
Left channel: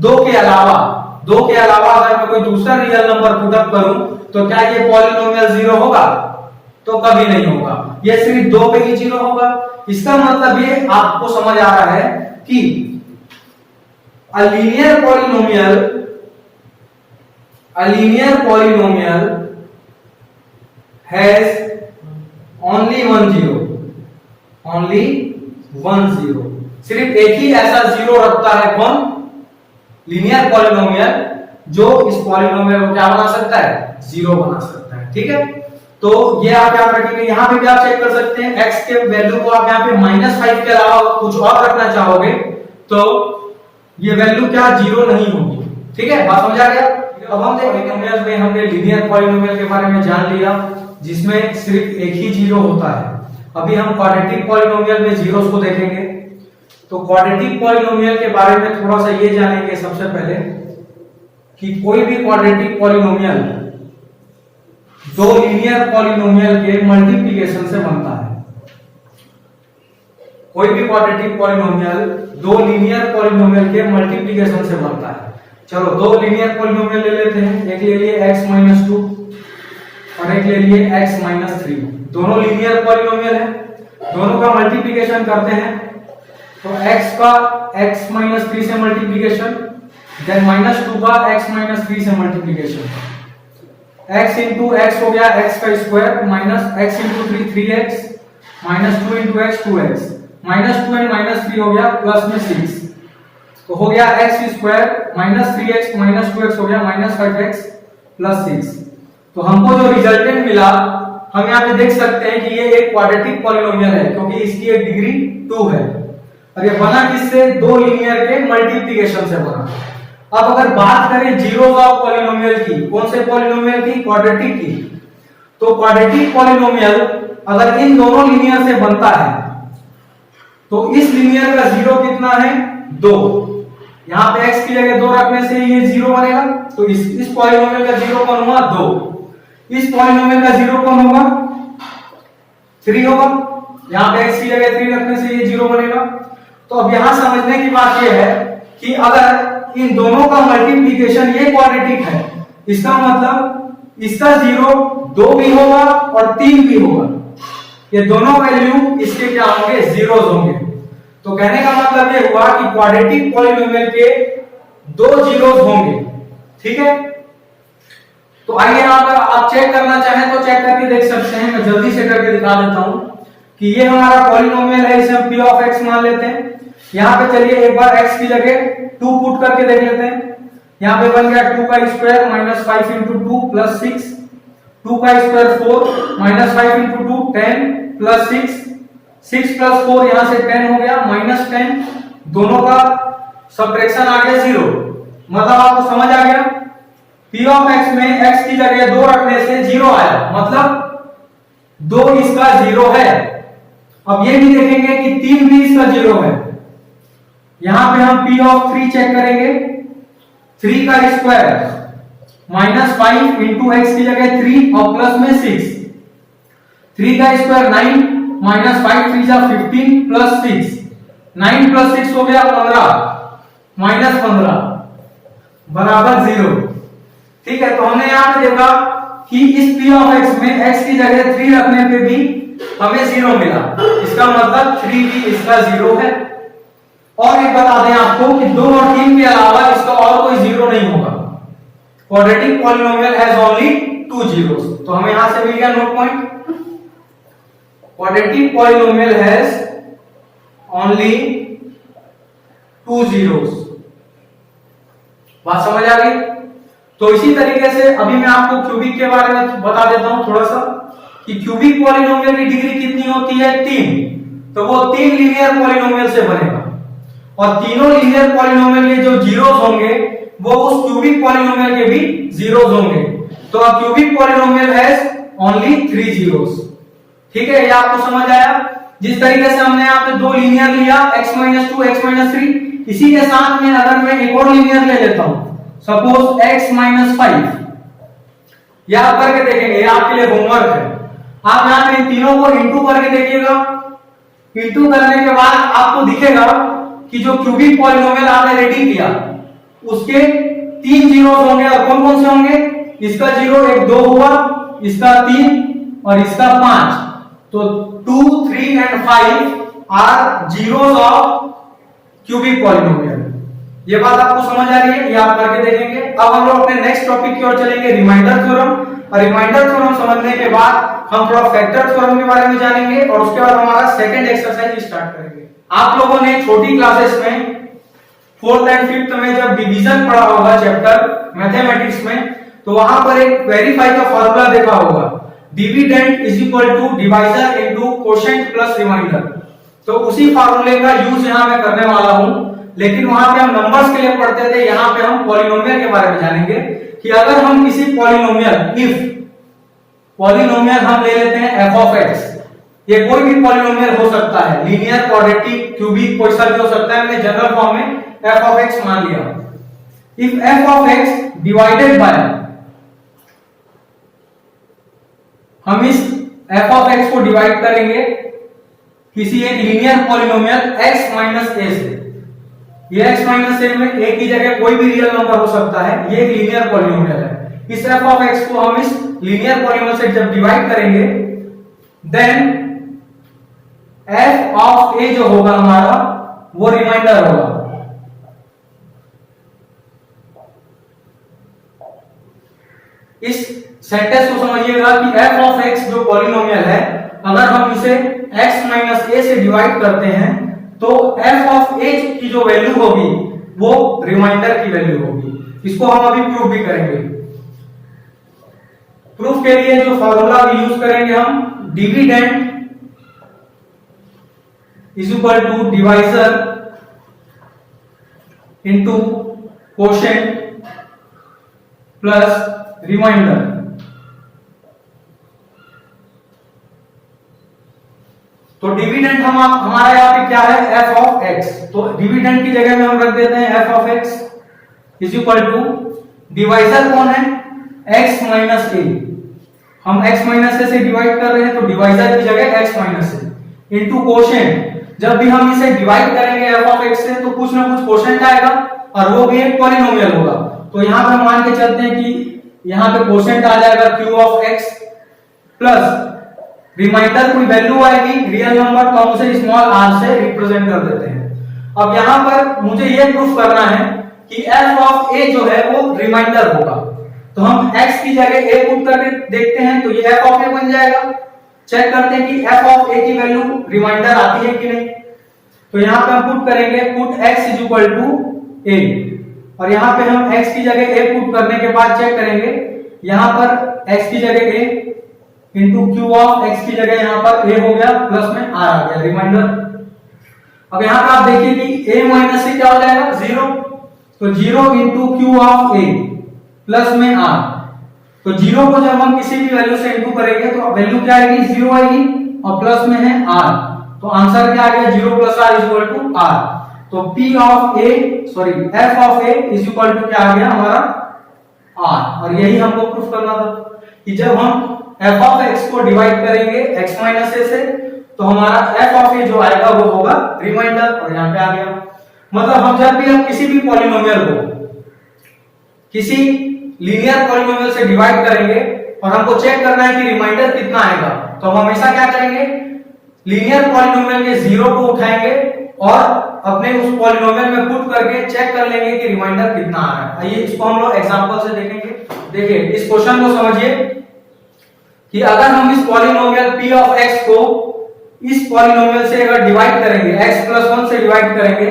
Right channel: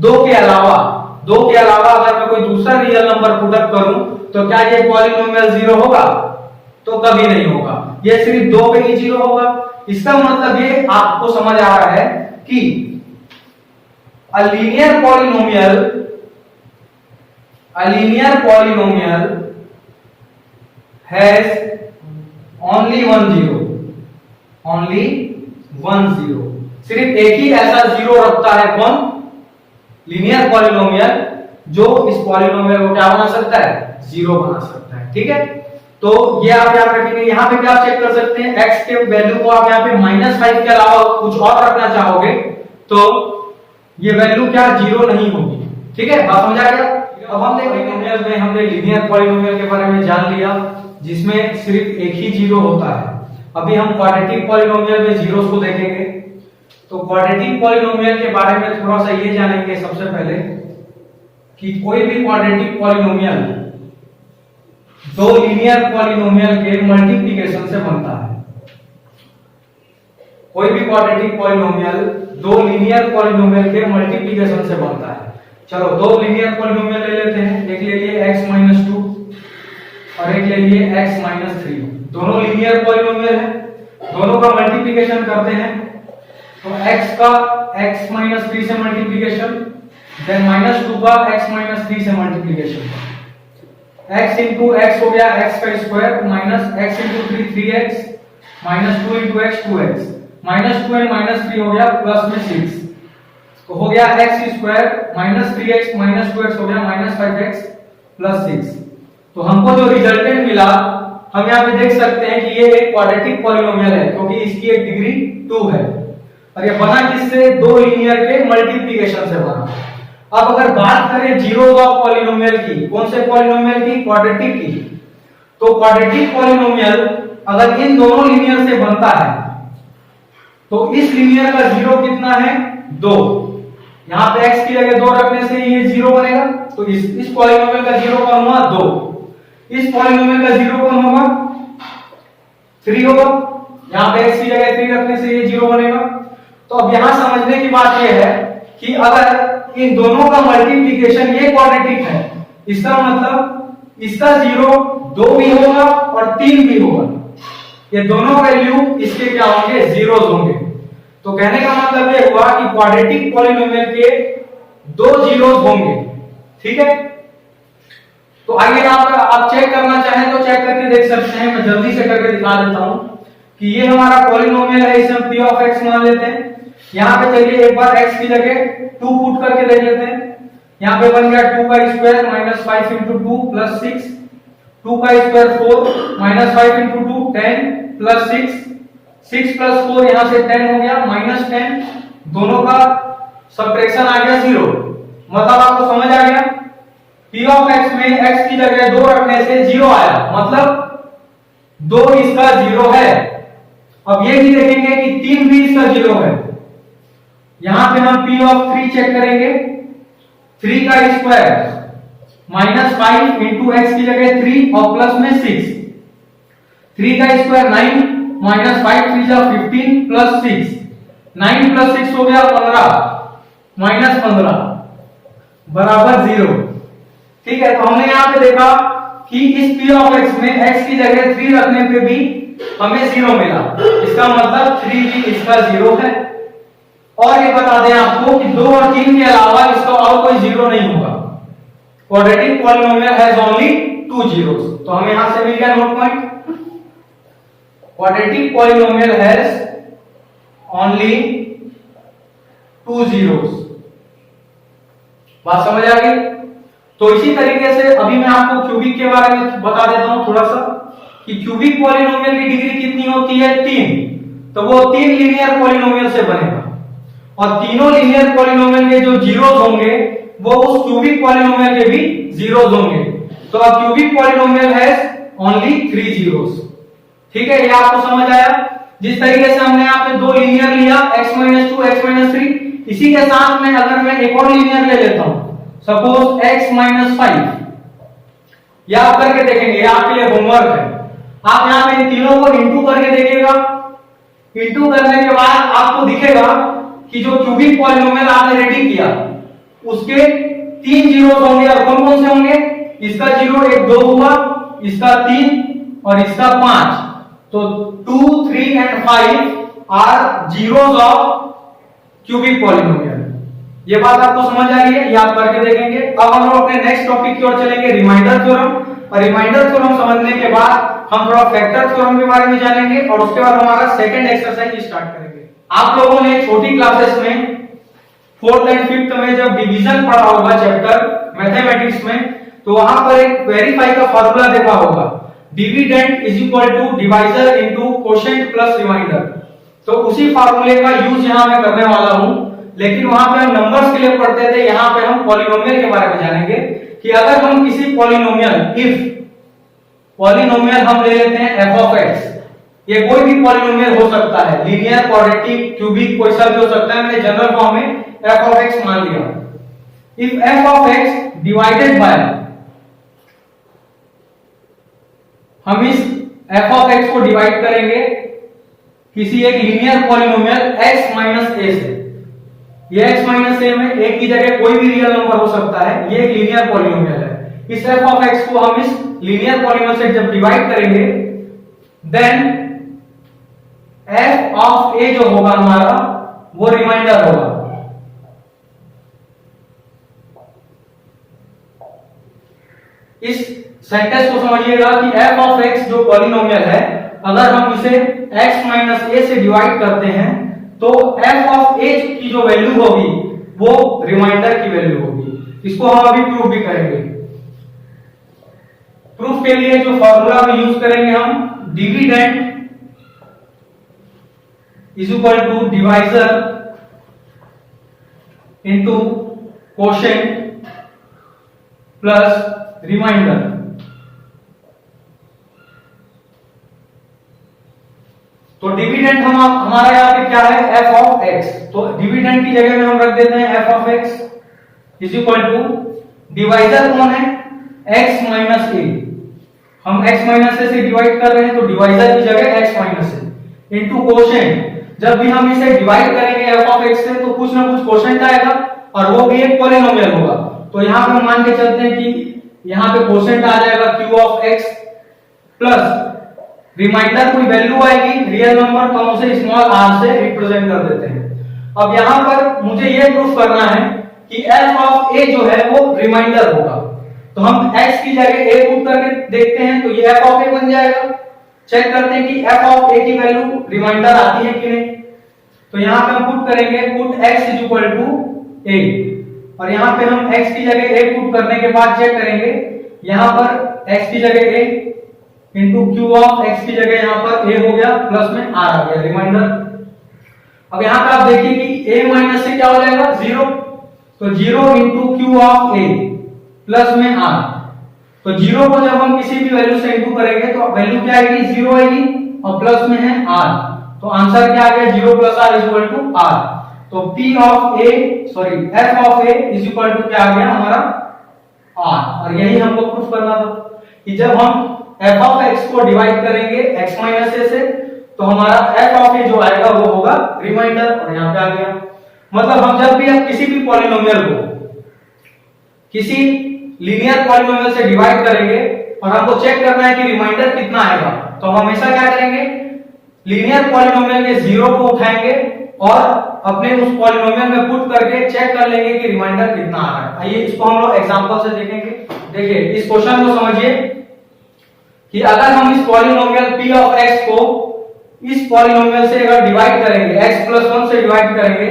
2 के अलावा अगर मैं कोई दूसरा रियल नंबर पुट अप करूं, तो क्या ये पॉलिनोमियल 0 होगा? तो कभी नहीं होगा, ये सिर्फ 2 पे ही 0 होगा। इसका मतलब ये आपको समझ आ रहा है कि a linear polynomial has only one zero, सिर्फ एक ही ऐसा जीरो रखता है, कौन? लीनियर पॉलिनोमियल, जो इस पॉलिनोमियल को क्या बना सकता है, जीरो बना सकता है। ठीक है, तो ये आप याद रखेंगे। यहाँ पे भी आप चेक कर सकते हैं, x के वैल्यू को आप यहाँ पे -5 के अलावा कुछ और रखना चाहोगे तो ये वैल्यू क्या 0 नहीं होगी। ठीक है, बात समझ आ गया। अब हम पॉलिनोमियल में हमने लीनियर पॉलिनोमियल के बारे में जान लिया जिसमें सिर्फ एक ही जीरो होता है। अभी हम क्वाड्रेटिक पॉलिनोमियल में जीरोस को देखेंगे। तो क्वाड्रेटिक पॉलिनोमियल के बारे में थोड़ा सा ये जानेंगे सबसे पहले कि कोई भी क्वाड्रेटिक पॉलिनोमियल दो लीनियर पॉलिनोमियल के मल्टीप्लिकेशन से बनता है। कोई भी क्वाड्रेटिक पॉलिनोमियल दो लीनियर पॉलिनोमियल के मल्टीप्लिकेशन से बनता है। चलो दो लीनियर पॉलिनोमियल ले लेते हैं, एक ले लिए x-2 और एक ले लिए x-3। दोनों लीनियर पॉलिनोमियल है, दोनों का मल्टीप्लिकेशन करते हैं तो x का x-3 से मल्टीप्लिकेशन, देन -2 का x-3 से मल्टीप्लिकेशन, x इंटू x हो गया x का square minus x into 3x minus 2 into x 2x minus 2 and minus 3 हो गया प्लस में 6 तो हो गया x square minus 3x minus 2x हो गया माइनस 5x प्लस 6। तो हमको जो रिजल्टेंट मिला हम यहाँ पे देख सकते हैं कि ये एक क्वाड्रेटिक पॉलिनोमियल है क्योंकि इसकी एक डिग्री 2 है और ये बना किससे, दो लीनियर के मल्टीप्लिकेशन से बना। अब अगर बात करें जीरोस ऑफ पॉलिनोमियल की, कौन से पॉलिनोमियल की, क्वाड्रेटिक की, तो क्वाड्रेटिक पॉलिनोमियल अगर इन दोनों लीनियर से बनता है तो इस लीनियर का जीरो कितना है, 2। यहाँ पे x की जगह 2 रखने से ये जीरो बनेगा तो इस पॉलिनोमियल का जीरो कौन हुआ, 2। इस पॉलिनोमियल का जीरो कौन होगा, 3 होगा। यहाँ पे x की जगह 3 रखने से ये जीरो बनेगा। तो अब यहाँ समझने की बात ये है कि अगर इन दोनों का मल्टीप्लिकेशन ये क्वाड्रेटिक है, इसका मतलब इसका जीरो 2 भी होगा और 3 भी होगा। ये दोनों वैल्यू इसके क्या होंगे, जीरोस होंगे। तो कहने का मतलब ये हुआ कि क्वाड्रेटिक पॉलिनोमियल के दो जीरोस होंगे। ठीक है, तो आइए आप चेक करना चाहें तो चेक करके देख सकते हैं। मैं जल्दी से करके दिखा देता हूं कि ये हमारा पॉलिनोमियल है, इसे हम p ऑफ x मान लेते हैं। यहाँ पे चलिए एक बार x की जगह 2 पुट करके देख लेते हैं। यहाँ पे बन गया 2 का स्क्वायर माइनस 5 इंटू 2 प्लस 6, 2 का square 4 minus 5 into 2 10 plus 6, 6 plus 4 यहाँ से 10 हो गया माइनस 10, दोनों का सब्ट्रैक्शन आ गया 0। मतलब आपको समझ आ गया, p ऑफ x में x की जगह 2 रखने से 0 आया, मतलब 2 इसका 0 है। अब ये भी देखेंगे कि 3 भी इसका 0 है। यहां पे हम p ऑफ 3 चेक करेंगे, 3 का स्क्वायर माइनस 5 इंटू x की जगह 3 और प्लस में 6, 3 का स्क्वायर 9 माइनस 5 3 जा 15 प्लस 6, 9 प्लस 6 हो गया 15 माइनस 15 बराबर 0। ठीक है, तो हमने यहां पे देखा कि इस p ऑफ x में x की जगह 3 रखने पे भी हमें 0 मिला, इसका मतलब 3 भी इसका 0 है। और ये बता दें आपको कि 2 और 3 के अलावा इसका और कोई 0 नहीं होगा। Quadratic polynomial has only 2 zeros। तो हमें यहां से मिल गया note point, quadratic polynomial has only 2 zeros। बात समझ आ गई। तो इसी तरीके से अभी मैं आपको क्यूबिक के बारे में बता देता हूं थोड़ा सा कि क्यूबिक पॉलिनोमियल की डिग्री कितनी होती है, 3। तो वो 3 लीनियर पॉलिनोमियल से बनेगा और तीनों लीनियर पॉलिनोमियल के जो जीरोस होंगे वो उस क्यूबिक पॉलिनोमियल के भी जीरोस होंगे। तो a cubic polynomial has only 3 zeros। ठीक है, ये आपको समझ आया। जिस तरीके से हमने यहाँ पे दो लीनियर लिया x-2 x-3, इसी के साथ में अगर मैं एक और लीनियर ले लेता हूं सपोज x-5, ये आप करके देखेंगे, ये आपके लिए होमवर्क है। आप यहाँ पे तीनों को इंटू करके देखिएगा। इंटू करने के बाद आपको दिखेगा कि जो क्यूबिक पॉलिनोमियल आपने रेडी किया उसके 3 जीरोस होंगे और कौन कौन से होंगे, इसका 0 एक 2 हुआ, इसका 3 और इसका 5। तो 2, 3 and 5 are zeros of cubic polynomial. ये बात आपको समझ आ रही है, ये आप करके देखेंगे। अब हम लोग अपने नेक्स्ट टॉपिक की ओर चलेंगे, रिमाइंडर थ्योरम। और रिमाइंडर थ्योरम समझने के बाद हम थोड़ा फैक्टर थ्योरम के बारे में जानेंगे और उसके बाद हमारा सेकंड एक्सरसाइज स्टार्ट करेंगे। आप लोगों ने छोटी क्लासेस में 4th एंड 5th में जब डिवीजन पढ़ा होगा चैप्टर मैथमेटिक्स में, तो वहां पर एक वेरीफाई का फॉर्मूला देखा होगा। Dividend is equal to divisor into quotient plus remainder. तो उसी फार्मूले का यूज यहां मैं करने वाला हूं, लेकिन वहां पे हम नंबर्स के लिए पढ़ते थे, यहां पे हम पॉलिनोमियल के बारे में जानेंगे कि अगर हम किसी पॉलिनोमियल, इफ पॉलिनोमियल हम ले लेते हैं f ऑफ x, ये कोई भी पॉलिनोमियल हो सकता है, लीनियर, क्वाड्रेटिक, क्यूबिक, कोई सा भी हो सकता है, मैंने जनरल फॉर्म में f ऑफ x मान लिया। If f of x divided by, हम इस f ऑफ x को डिवाइड करेंगे किसी एक linear polynomial x minus a से। ये x माइनस a में a की जगह कोई भी रियल नंबर हो सकता है, ये एक लीनियर पॉलिनोमियल है। इस f ऑफ x को हम इस लीनियर पॉलिनोमियल से जब डिवाइड करेंगे, देन f ऑफ a जो होगा हमारा वो रिमाइंडर होगा। इस सेंटेंस को समझिएगा कि f ऑफ x जो पॉलिनोमियल है, अगर हम इसे x माइनस a से डिवाइड करते हैं तो f ऑफ a की जो वैल्यू होगी वो रिमाइंडर की वैल्यू होगी। इसको हम अभी प्रूव भी करेंगे। प्रूफ के लिए जो फॉर्मूला भी यूज करेंगे हम, dividend is equal to divisor into quotient plus remainder. तो डिविडेंड हमारा यहाँ पे क्या है, f ऑफ x। तो डिविडेंड की जगह में हम रख देते हैं f of x is equal to, divisor कौन है, x माइनस a। हम x माइनस a से डिवाइड कर रहे हैं तो डिवाइजर की जगह x minus a into quotient. जब भी हम इसे डिवाइड करेंगे f ऑफ x से तो कुछ ना कुछ कोशेंट आएगा और वो भी एक पॉलिनोमियल होगा। तो यहाँ पे हम मान के चलते हैं कि यहाँ पे कोशेंट आ जाएगा q of x plus remainder कोई वैल्यू आएगी रियल नंबर, तो हम उसे स्मॉल r से रिप्रेजेंट कर देते हैं। अब यहाँ पर मुझे ये प्रूफ करना है कि f ऑफ a जो है वो रिमाइंडर होगा। तो हम x की जगह a पुट करके देखते हैं, तो ये f ऑफ a बन जाएगा। चेक करते हैं कि f ऑफ a की वैल्यू रिमाइंडर आती है कि नहीं। तो यहाँ पे हम पुट करेंगे, put x is equal to a, और यहाँ पे हम x की जगह a पुट करने के बाद चेक करेंगे, यहाँ पर x की जगह a into Q of x की जगह यहाँ पर a हो गया, प्लस में r आ गया रिमाइंडर। अब यहाँ पर आप देखिए कि a माइनस से क्या हो जाएगा, 0। तो 0 into Q of a plus में r। तो 0 को जब हम किसी भी वैल्यू से इंटू करेंगे तो वैल्यू क्या आएगी, 0 आएगी, और प्लस में है r। तो आंसर क्या आ गया, 0 plus r is equal to r। तो f of a is equal to क्या आ गया हमारा r। और यही हमको प्रूफ करना था कि जब हम f ऑफ x को डिवाइड करेंगे x माइनस a से तो हमारा f ऑफ a जो आएगा वो होगा रिमाइंडर, और यहाँ पे आ गया। मतलब हम जब भी हम किसी भी पॉलिनोमियल को किसी लीनियर पॉलिनोमियल से डिवाइड करेंगे और हमको चेक करना है कि रिमाइंडर कितना आएगा, तो हम हमेशा क्या करेंगे, लीनियर पॉलिनोमियल के 0 को उठाएंगे और अपने उस पॉलिनोमियल में पुट करके चेक कर लेंगे कि रिमाइंडर कितना आ रहा है। आइए इसको हम लोग एग्जांपल से देखेंगे। देखिए इस क्वेश्चन को समझिए कि अगर हम इस पॉलिनोमियल p ऑफ x को इस पॉलिनोमियल से अगर डिवाइड करेंगे, x प्लस 1 से डिवाइड करेंगे,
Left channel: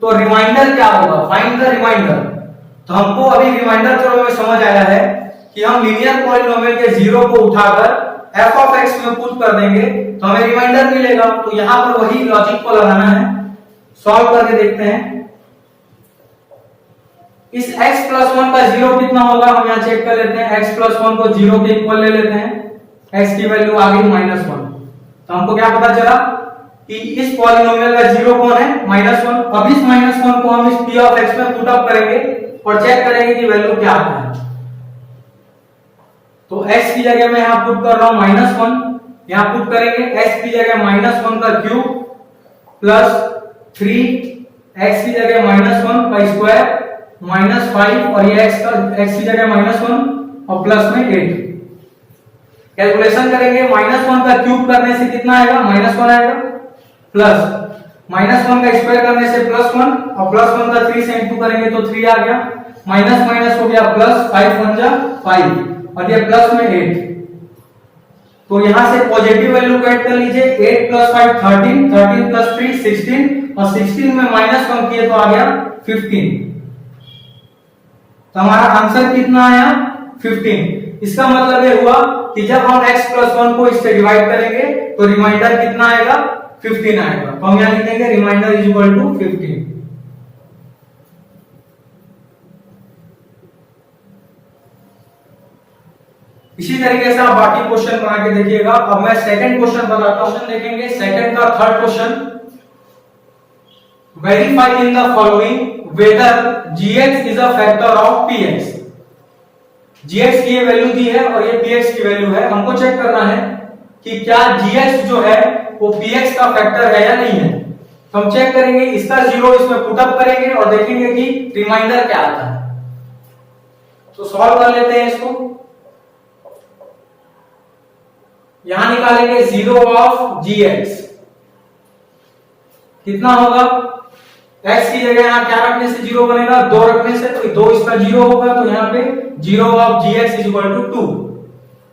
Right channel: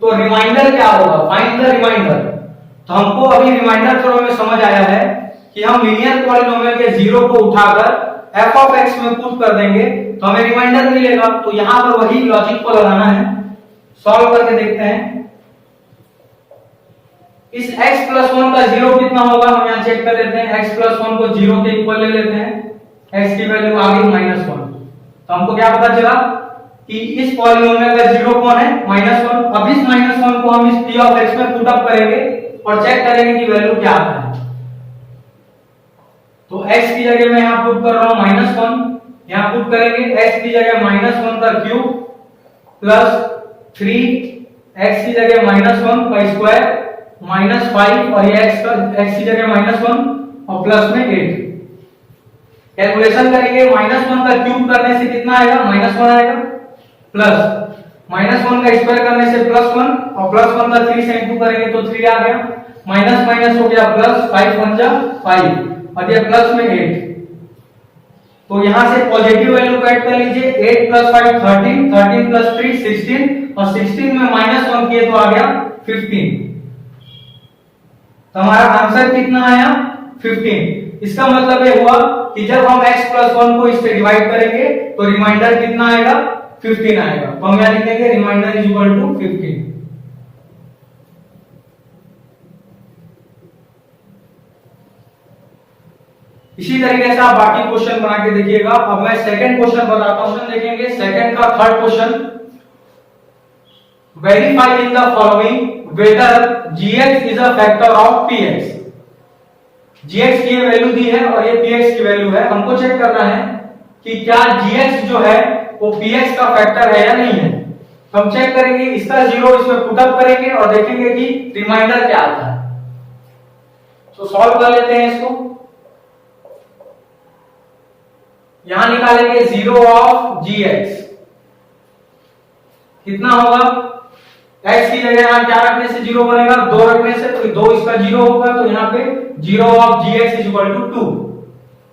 तो रिमाइंडर क्या होगा, फाइंड द रिमाइंडर। तो हमको अभी रिमाइंडर थ्योरम में समझ आया है कि हम लीनियर पॉलिनोमियल के 0 को उठाकर f ऑफ x में पुट कर देंगे तो हमें रिमाइंडर मिलेगा। तो यहां पर वही लॉजिक को लगाना है, सॉल्व करके देखते हैं। इस x प्लस 1 का 0 कितना होगा, हम यहाँ चेक कर लेते हैं। x प्लस 1 को 0 के इक्वल ले लेते हैं, x की वैल्यू आ गई -1। तो हमको क्या पता चला कि इस पॉलिनोमियल का 0 कौन है, -1। अब इस -1 को हम इस p ऑफ x में पुट अप करेंगे और चेक करेंगे कि वैल्यू क्या आता है। तो x की जगह मैं यहाँ पुट कर रहा हूँ -1, यहाँ पुट करेंगे x की जगह -1 का क्यूब प्लस 3, x की जगह -1 का स्क्वायर -5, और ये x की जगह -1 और प्लस में 8। कैलकुलेशन करेंगे, -1 का क्यूब करने से कितना आएगा, -1 आएगा, प्लस -1 का स्क्वायर करने से +1, और +1 का 3 से इंटू करेंगे तो 3 आ गया, माइनस माइनस हो गया प्लस, 5 1 जा 5, और ये प्लस में 8। तो यहां से पॉजिटिव वैल्यू को ऐड कर लीजिए, 8 + 5 13, 13 + 3 16, और 16 में -1 किए तो आ गया 15। तो हमारा आंसर कितना आया, 15। इसका मतलब ये हुआ कि जब हम x प्लस 1 को इससे डिवाइड करेंगे तो रिमाइंडर कितना आएगा, 15 आएगा। तो हम यहां लिखेंगे रिमाइंडर इज इक्वल टू 15। इसी तरीके से आप बाकी क्वेश्चन बना के देखिएगा। अब मैं सेकंड क्वेश्चन बताता हूं, देखेंगे सेकंड का third question. Verify in the following whether gx is a factor of px। gx की ये वैल्यू दी है और ये px की वैल्यू है। हमको चेक करना है कि क्या gx जो है वो px का फैक्टर है या नहीं है। तो हम चेक करेंगे, इसका जीरो इसमें पुट अप करेंगे और देखेंगे कि रिमाइंडर क्या आता है। तो सॉल्व कर लेते हैं इसको। यहां निकालेंगे जीरो ऑफ gx, कितना होगा, x की जगह यहां क्या रखने से जीरो बनेगा, 2 रखने से, तो 2 इसका जीरो होगा। तो यहां पे zero of gx is equal to 2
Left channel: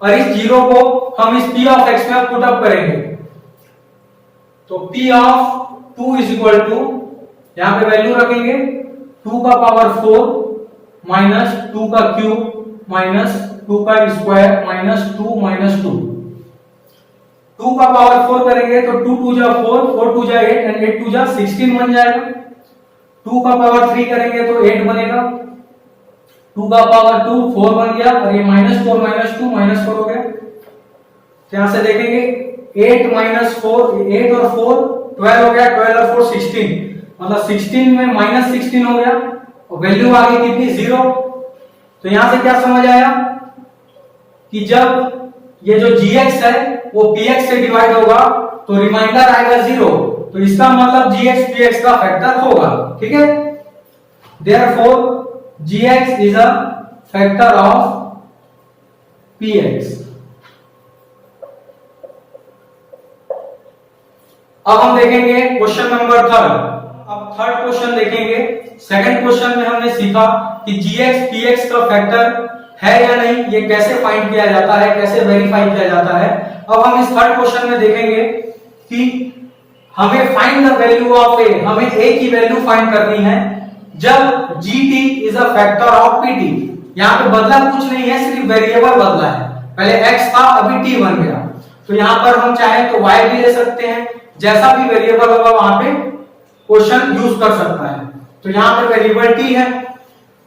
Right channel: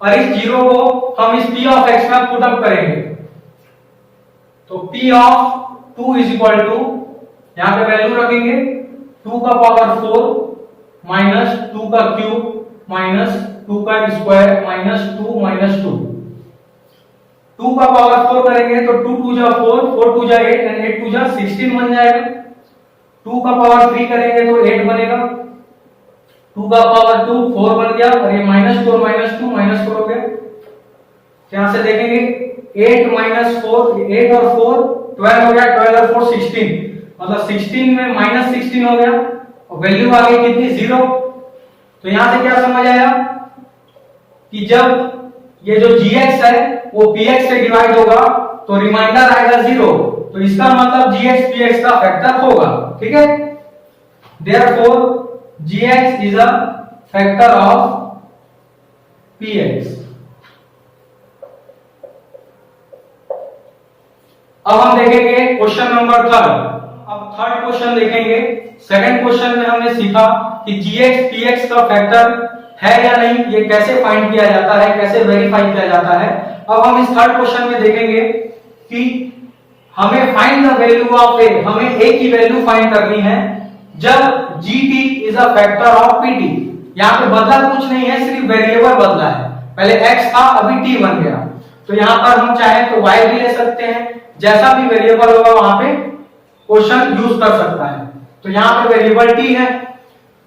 और इस जीरो को हम इस p ऑफ x में पुट अप करेंगे। तो p of 2 is equal to, यहां पे वैल्यू रखेंगे 2 का पावर 4 माइनस 2 का क्यूब माइनस 2 का स्क्वायर माइनस 2 माइनस 2। 2 का पावर 4 करेंगे तो 2 2 जा 4, 4 2 जा 8 एंड 8 2 जा 16 बन जाएगा। 2 का पावर 3 करेंगे तो 8 बनेगा। 2 का पावर 2 4 बन गया और ये -4 -2 -4 हो गया। तो यहां से देखेंगे 8 - 4, 8 और 4 12 हो गया, 12 और 4 16, मतलब 16 में -16 हो गया और वैल्यू आ गई कितनी, 0। तो यहां से क्या समझ आया कि जब ये जो gx है वो px से डिवाइड होगा तो रिमाइंडर आएगा 0। तो इसका मतलब gx px का फैक्टर होगा, ठीक है। Therefore gx is a factor of px। अब हम देखेंगे क्वेश्चन नंबर थर्ड। अब थर्ड क्वेश्चन देखेंगे। सेकंड क्वेश्चन में हमने सीखा कि gx px का फैक्टर है या नहीं, ये कैसे फाइंड किया जाता है, कैसे वेरीफाई किया जाता है। अब हम इस थर्ड क्वेश्चन में देखेंगे कि हमें find the value of a, हमें a की वैल्यू फाइंड करनी है जब gt is a factor of pt। यहां पे बदला कुछ नहीं है, सिर्फ वेरिएबल बदला है। पहले x था, अभी t बन गया। तो यहां पर हम चाहे तो y भी ले सकते हैं, जैसा भी वेरिएबल होगा वहां पे क्वेश्चन यूज कर सकता है। तो यहां पर वेरिएबल t है,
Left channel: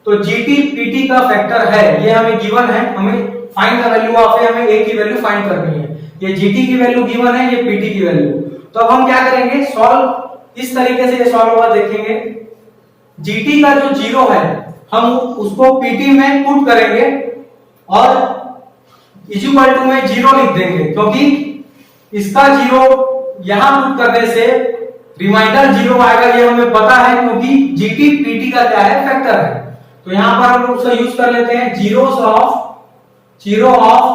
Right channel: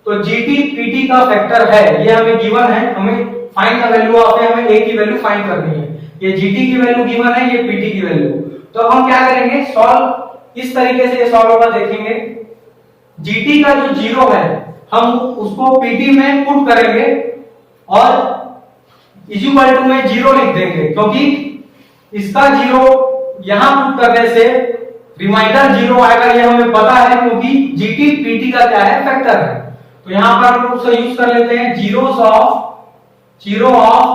तो gt pt का फैक्टर है, ये हमें गिवन है। हमें find the value of a, हमें a की वैल्यू फाइंड करनी है। ये gt की वैल्यू गिवन है, ये pt की वैल्यू। तो अब हम क्या करेंगे, सॉल्व इस तरीके से ये सॉल्व होगा। देखेंगे gt का जो जीरो है हम उसको pt में पुट करेंगे और इज इक्वल टू में जीरो लिख देंगे, क्योंकि इसका जीरो यहां पुट करने से रिमाइंडर जीरो आएगा, ये हमें पता है, क्योंकि gt pt का क्या है, फैक्टर है। तो यहां पर हम लोग उसे यूज कर लेते हैं, zero of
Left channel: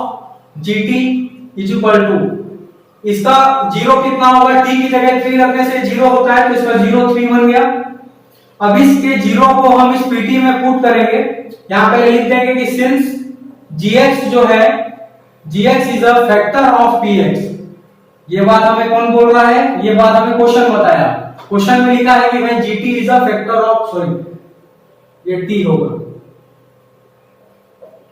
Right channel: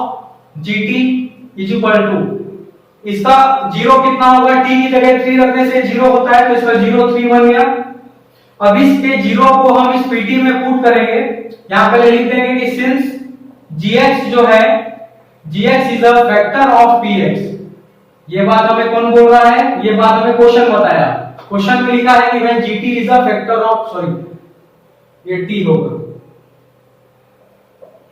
gt is equal to, इसका जीरो कितना होगा, t की जगह 3 रखने से जीरो होता है, तो इसका 0 3 बन गया। अब इसके जीरो को हम इस pt में पुट करेंगे। यहां पहले लिख देंगे कि सिंस gx जो है, gx is a factor of px। ये बात हमें कौन बोल रहा है, ये बात हमें क्वेश्चन बताया। क्वेश्चन में लिखा है कि when gt is a factor of, sorry ये t होगा,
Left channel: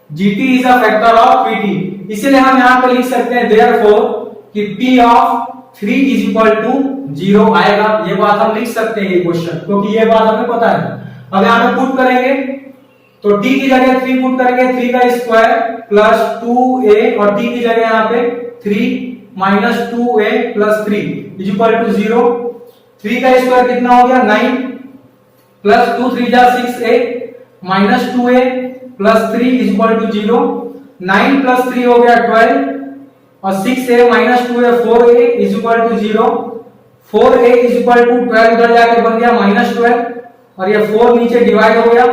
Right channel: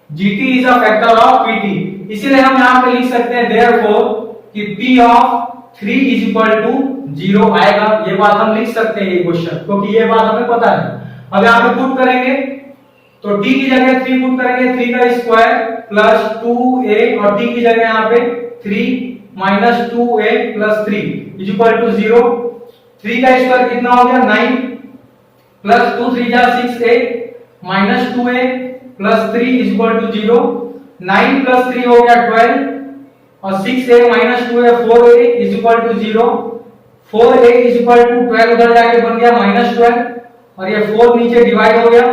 gt is a factor of pt। इसीलिए हम यहां पे लिख सकते हैं देयरफॉर कि p of 3 is equal to 0 आएगा। ये बात हम लिख सकते हैं ये क्वेश्चन, क्योंकि ये बात हमें पता है। अब यहां पे पुट करेंगे तो t की जगह 3 पुट करेंगे, 3 का स्क्वायर प्लस 2a और t की जगह यहां पे 3 minus 2a plus 3 is equal to 0। 3 का स्क्वायर कितना हो गया, 9 प्लस 2 3 जा 6a minus 2a plus 3 is equal to 0। 9 plus 3 हो गया 12 और 6a minus 2a 4a is equal to 0। 4a is equal to 12 उधर जाके बन गया -12 और ये 4 नीचे डिवाइड हो गया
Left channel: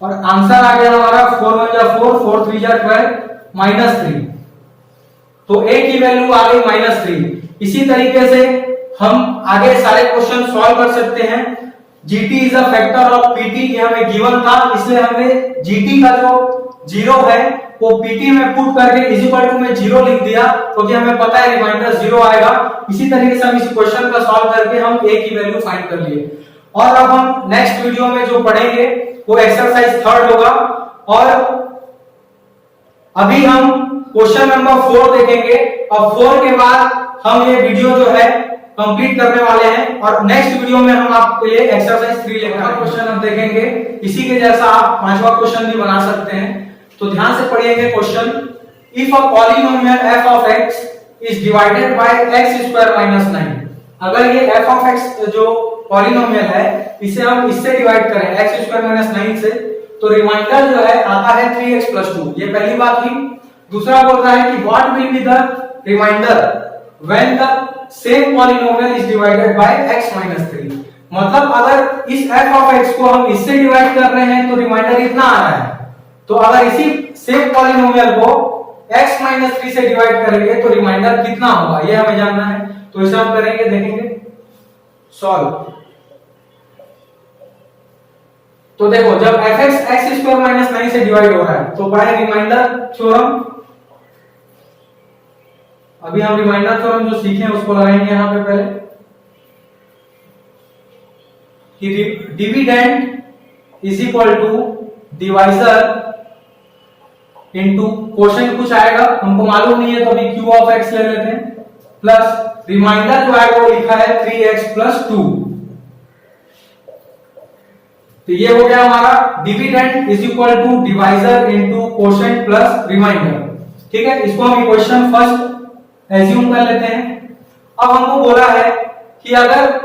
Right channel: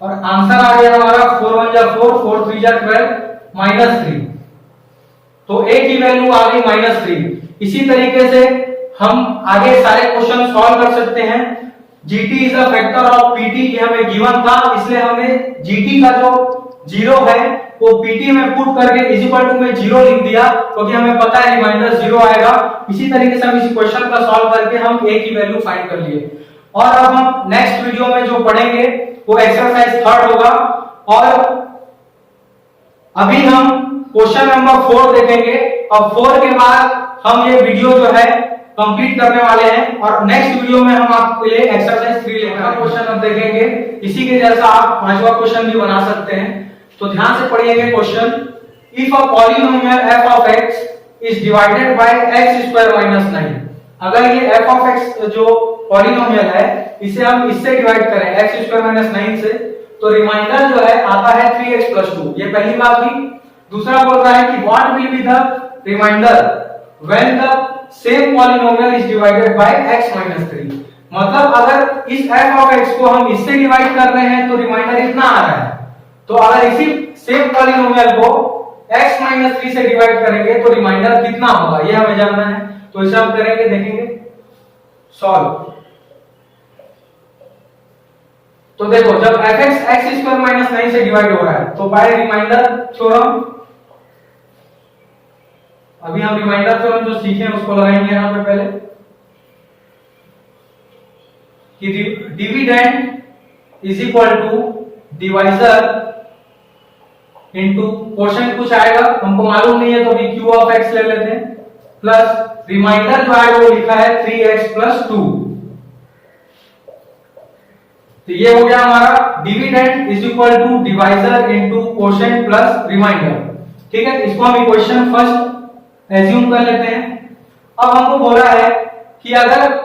और आंसर आ गया हमारा 4 1 जा 4, 4 3 जा 12 -3। तो a की वैल्यू आ गई -3। इसी तरीके से हम आगे सारे क्वेश्चन सॉल्व कर सकते हैं। gt is a factor of pt, ये हमें गिवन था, इसलिए हमने gt का जो जीरो है वो pt में पुट करके इज इक्वल टू में 0 लिख दिया, क्योंकि हमें पता है रिमाइंडर 0 आएगा। इसी तरीके से हम इस क्वेश्चन का सॉल्व करके हम a की वैल्यू फाइंड कर लिए। और अब हम नेक्स्ट वीडियो में जो पढ़ेंगे वो एक्सरसाइज थर्ड होगा और अभी हम क्वेश्चन नंबर 4 देखेंगे और 4 के बाद हम ये वीडियो जो है कंप्लीट करने वाले हैं और नेक्स्ट वीडियो में हम आपके लिए एक्सरसाइज 3 लेकर क्वेश्चन हम देखेंगे। इसी के जैसा आप पांचवा क्वेश्चन भी बना सकते हैं। तो ध्यान से पढ़िएगा question. If a polynomial f of x is divided by x square minus 9, अगर ये f of x जो पॉलिनोमियल है इसे हम इससे डिवाइड करें x square minus 9 से, तो रिमाइंडर जो है आता है 3x plus 2। ये पहली बात हुई। दूसरा बोल रहा है कि what will be the remainder when the same polynomial is divided by x minus 3। मतलब अगर इस f of x को हम इससे डिवाइड कर रहे हैं तो रिमाइंडर इतना आ रहा है, तो अगर इसी सेम पॉलिनोमियल को x minus 3 से डिवाइड करेंगे तो रिमाइंडर कितना होगा ये हमें जानना है। तो इसे हम करेंगे, देखेंगे सॉल्व। तो देखो जब fx x स्क्वायर माइनस 9 से डिवाइड हो रहा है तो बाय रिमाइंडर थ्योरम, अभी हम रिमाइंडर थ्योरम जो सीखे उसको लगाएंगे यहां पे पहले कि dividend is equal to divisor into quotient कुछ आएगा हमको मालूम नहीं है तो अभी q ऑफ x ले लेते हैं, प्लस रिमाइंडर जो आएगा वो लिखा है 3x plus 2। तो ये हो गया हमारा dividend is equal to divisor into quotient plus remainder. ठीक है, इसको हम इक्वेशन फर्स्ट एज्यूम कर लेते हैं। अब हमको बोला है कि अगर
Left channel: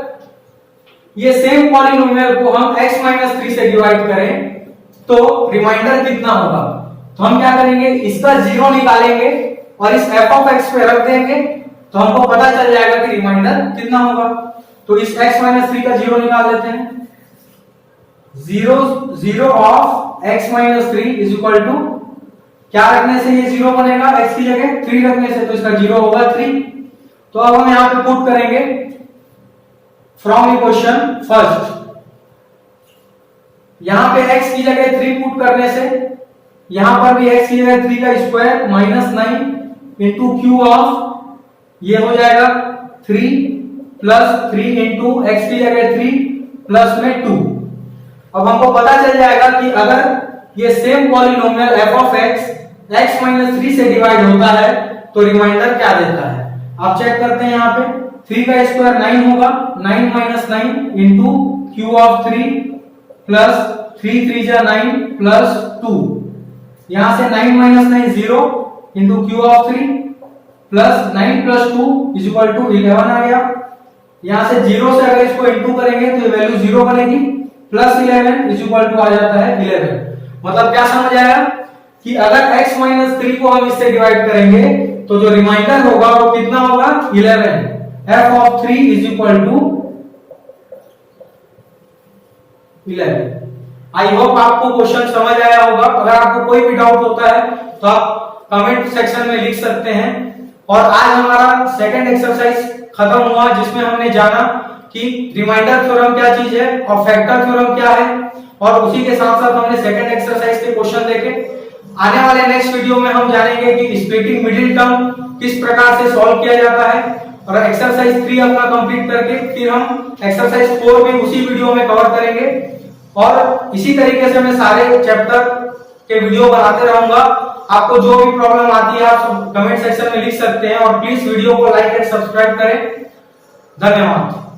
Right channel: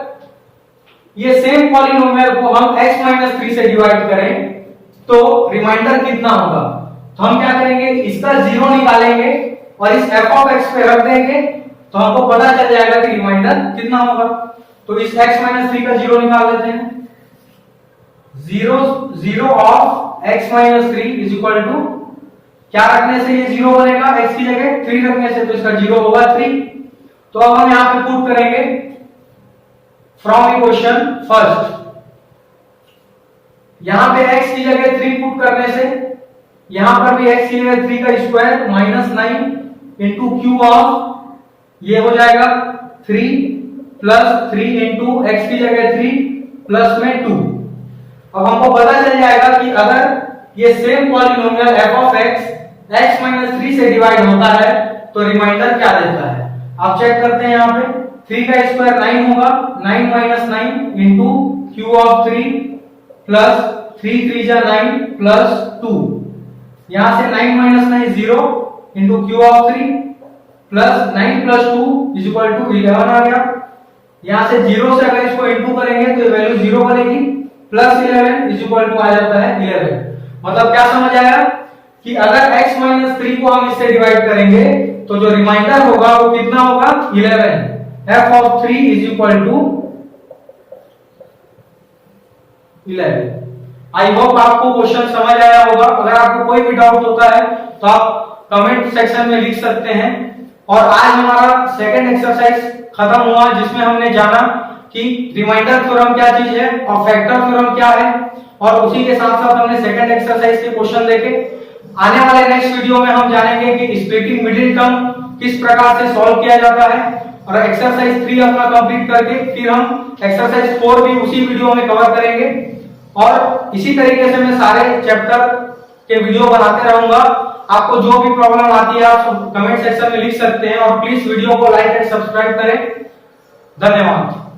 ये सेम पॉलिनोमियल को हम x minus 3 से डिवाइड करें तो रिमाइंडर कितना होगा। तो हम क्या करेंगे, इसका जीरो निकालेंगे और इस f of x पे रख देंगे तो हमको पता चल जाएगा कि रिमाइंडर कितना होगा। तो इस x minus 3 का जीरो निकाल लेते हैं। Zero of x minus 3 is equal to क्या रखने से ये जीरो बनेगा, x की जगह 3 रखने से, तो इसका जीरो होगा 3। तो अब हम यहां पे पुट करेंगे फ्रॉम इक्वेशन फर्स्ट, यहां पे x की जगह 3 पुट करने से यहां पर भी x की जगह 3 का square minus 9 into Q of ये हो जाएगा 3 प्लस 3 इंटू एक्स की जगह 3 प्लस में 2। अब हमको पता चल जाएगा कि अगर ये same polynomial f of x minus 3 से डिवाइड होता है तो रिमाइंडर क्या देता है। आप चेक करते हैं, यहाँ पे 3 का स्क्वायर 9 होगा, 9 minus 9 into Q of 3 plus 3 3 जा 9 प्लस 2। यहां से 9 minus 9 0 into Q of 3 plus 9 plus 2 is equal to 11 आ गया। यहां से 0 से अगर इसको इंटू करेंगे तो वैल्यू 0 बनेगी, प्लस 11 इज इक्वल टू आ जाता है 11। मतलब क्या समझ आया कि अगर x minus 3 को हम इससे डिवाइड करेंगे तो जो रिमाइंडर होगा वो कितना होगा 11। f of 3 is equal to 11। I hope आपको क्वेश्चन समझ आया होगा। अगर आपको कोई भी डाउट होता है तो आप कमेंट सेक्शन में लिख सकते हैं। और आज हमारा सेकंड एक्सरसाइज खत्म हुआ जिसमें हमने जाना कि रिमाइंडर थ्योरम क्या चीज है और फैक्टर थ्योरम क्या है, और उसी के साथ साथ हमने सेकंड एक्सरसाइज के क्वेश्चन देखे। आने वाले नेक्स्ट वीडियो में हम जानेंगे कि स्प्लिटिंग मिडिल टर्म किस प्रकार से सॉल्व किया जाता है, और एक्सरसाइज 3 अपना कंप्लीट करके फिर हम एक्सरसाइज 4 भी उसी वीडियो में कवर करेंगे। और इसी तरीके से मैं सारे चैप्टर के वीडियो बनाते रहूंगा। आपको जो भी प्रॉब्लम आती है आप कमेंट सेक्शन में लिख सकते हैं, और प्लीज वीडियो को लाइक एंड सब्सक्राइब करें। धन्यवाद।